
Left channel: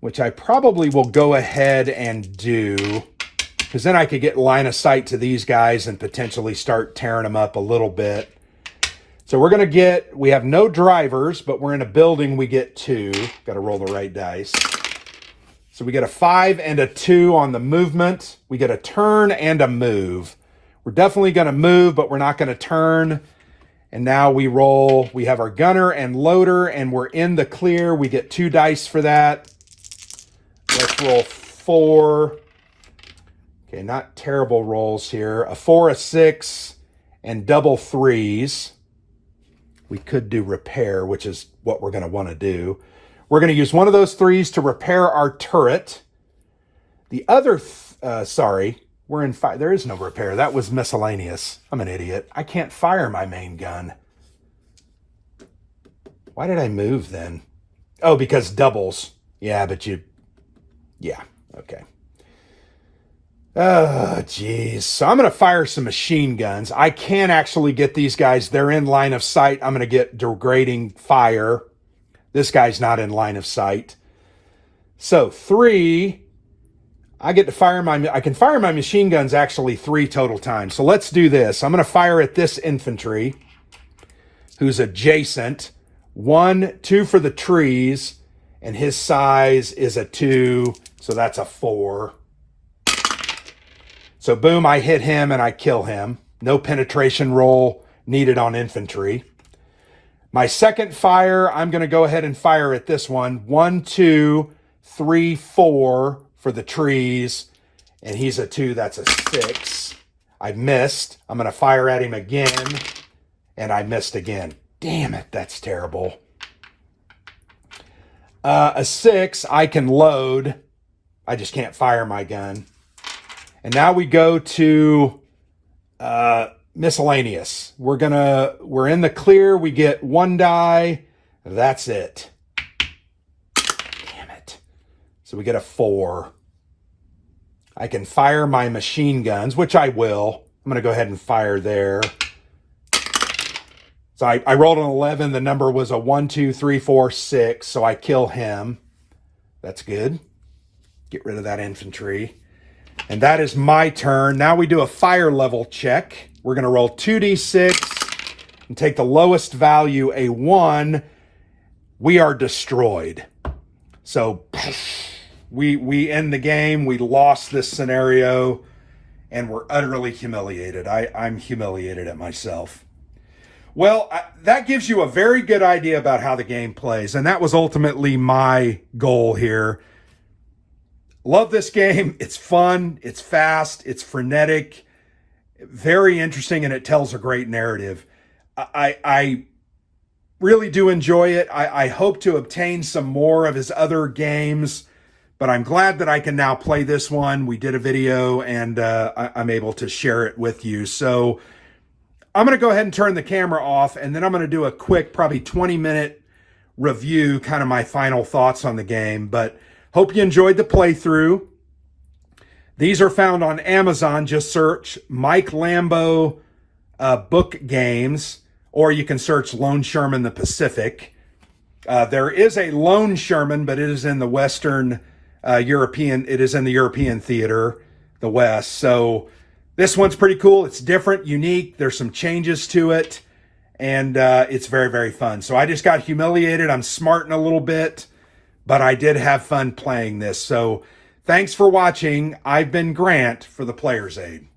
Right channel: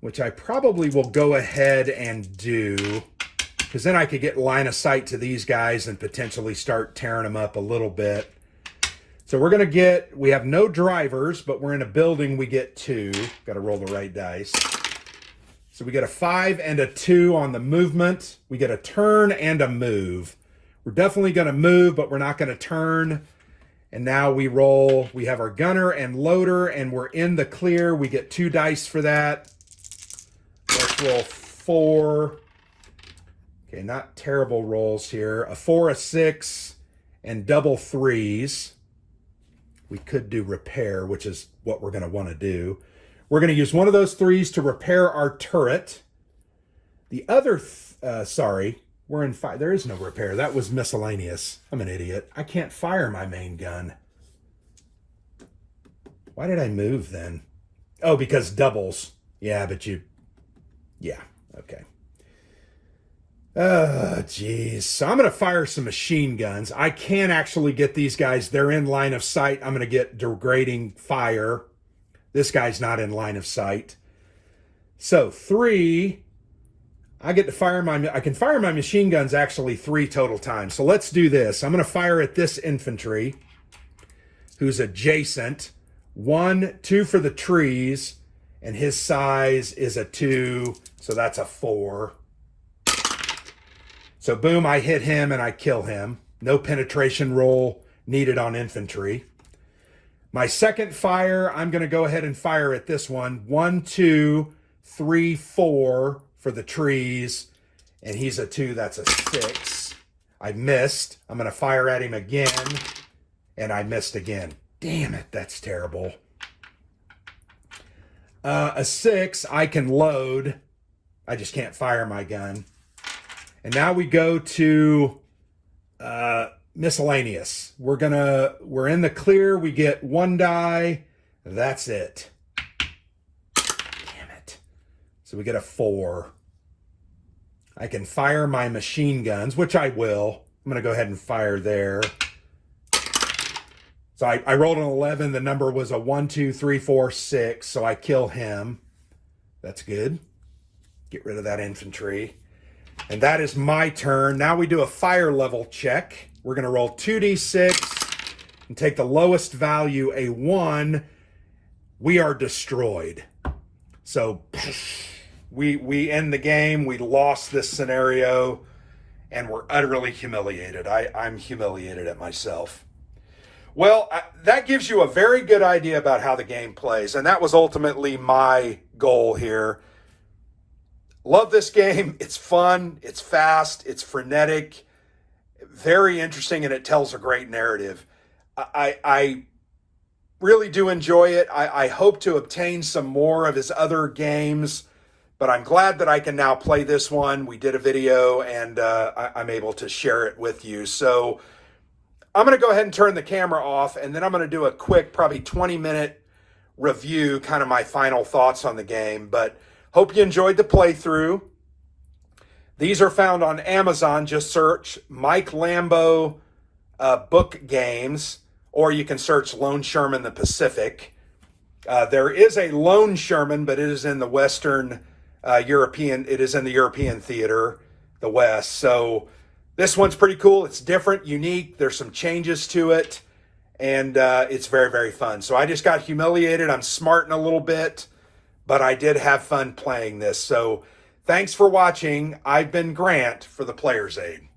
which I probably will go ahead and do, because then I could get line of sight to these guys and potentially start tearing them up a little bit. So we're going to get, we have no drivers, but we're in a building, we get 2. Got to roll the right dice. So we get a 5 and a 2 on the movement. We get a turn and a move. We're definitely going to move, but we're not going to turn. And now we roll, we have our gunner and loader, and we're in the clear. We get 2 dice for that. Let's roll 4. Okay, not terrible rolls here. A 4, a 6, and double 3s. We could do repair, which is what we're going to want to do. We're going to use one of those 3s to repair our turret. The other, sorry, we're in 5. There is no repair. That was miscellaneous. I'm an idiot. I can't fire my main gun. Why did I move then? Oh, because doubles. Yeah, but yeah, okay. Oh, geez. So I'm going to fire some machine guns. I can actually get these guys. They're in line of sight. I'm going to get degrading fire. This guy's not in line of sight. So 3, I get to fire I can fire my machine guns actually 3 total times. So let's do this. I'm going to fire at this infantry who's adjacent. 1, 2 for the trees, and his size is a 2, so that's a 4. So boom, I hit him and I kill him. No penetration roll needed on infantry. My second fire, I'm going to go ahead and fire at this one. 1, 2, 3, 4 for the trees, and he's a 2, that's a 6. I missed. I'm going to fire at him again, and I missed again. Damn it, that's terrible. A 6, I can load. I just can't fire my gun. And now we go to miscellaneous. We're in the clear. We get 1 die. That's it. Damn it. So we get a 4. I can fire my machine guns, which I will. I'm going to go ahead and fire there. So I rolled an 11. The number was a 1, 2, 3, 4, 6. So I kill him. That's good. Get rid of that infantry. And that is my turn. Now we do a fire level check. We're going to roll 2d6 and take the lowest value, a 1. We are destroyed. So we end the game. We lost this scenario, and we're utterly humiliated. I'm humiliated at myself. Well, that gives you a very good idea about how the game plays, and that was ultimately my goal here. Love this game. It's fun. It's fast. It's frenetic. Very interesting, and it tells a great narrative. I really do enjoy it. I hope to obtain some more of his other games, but I'm glad that I can now play this one. We did a video, and I'm able to share it with you. So I'm going to go ahead and turn the camera off, and then I'm going to do a quick, probably 20-minute review, kind of my final thoughts on the game. But hope you enjoyed the playthrough. These are found on Amazon. Just search Mike Lambo book games, or you can search Lone Sherman the Pacific. There is a Lone Sherman, but it is in the Western European. It is in the European theater, the West. So this one's pretty cool. It's different, unique. There's some changes to it, and it's very, very fun. So I just got humiliated. I'm smarting a little bit, but I did have fun playing this. So thanks for watching. I've been Grant for the Player's Aid.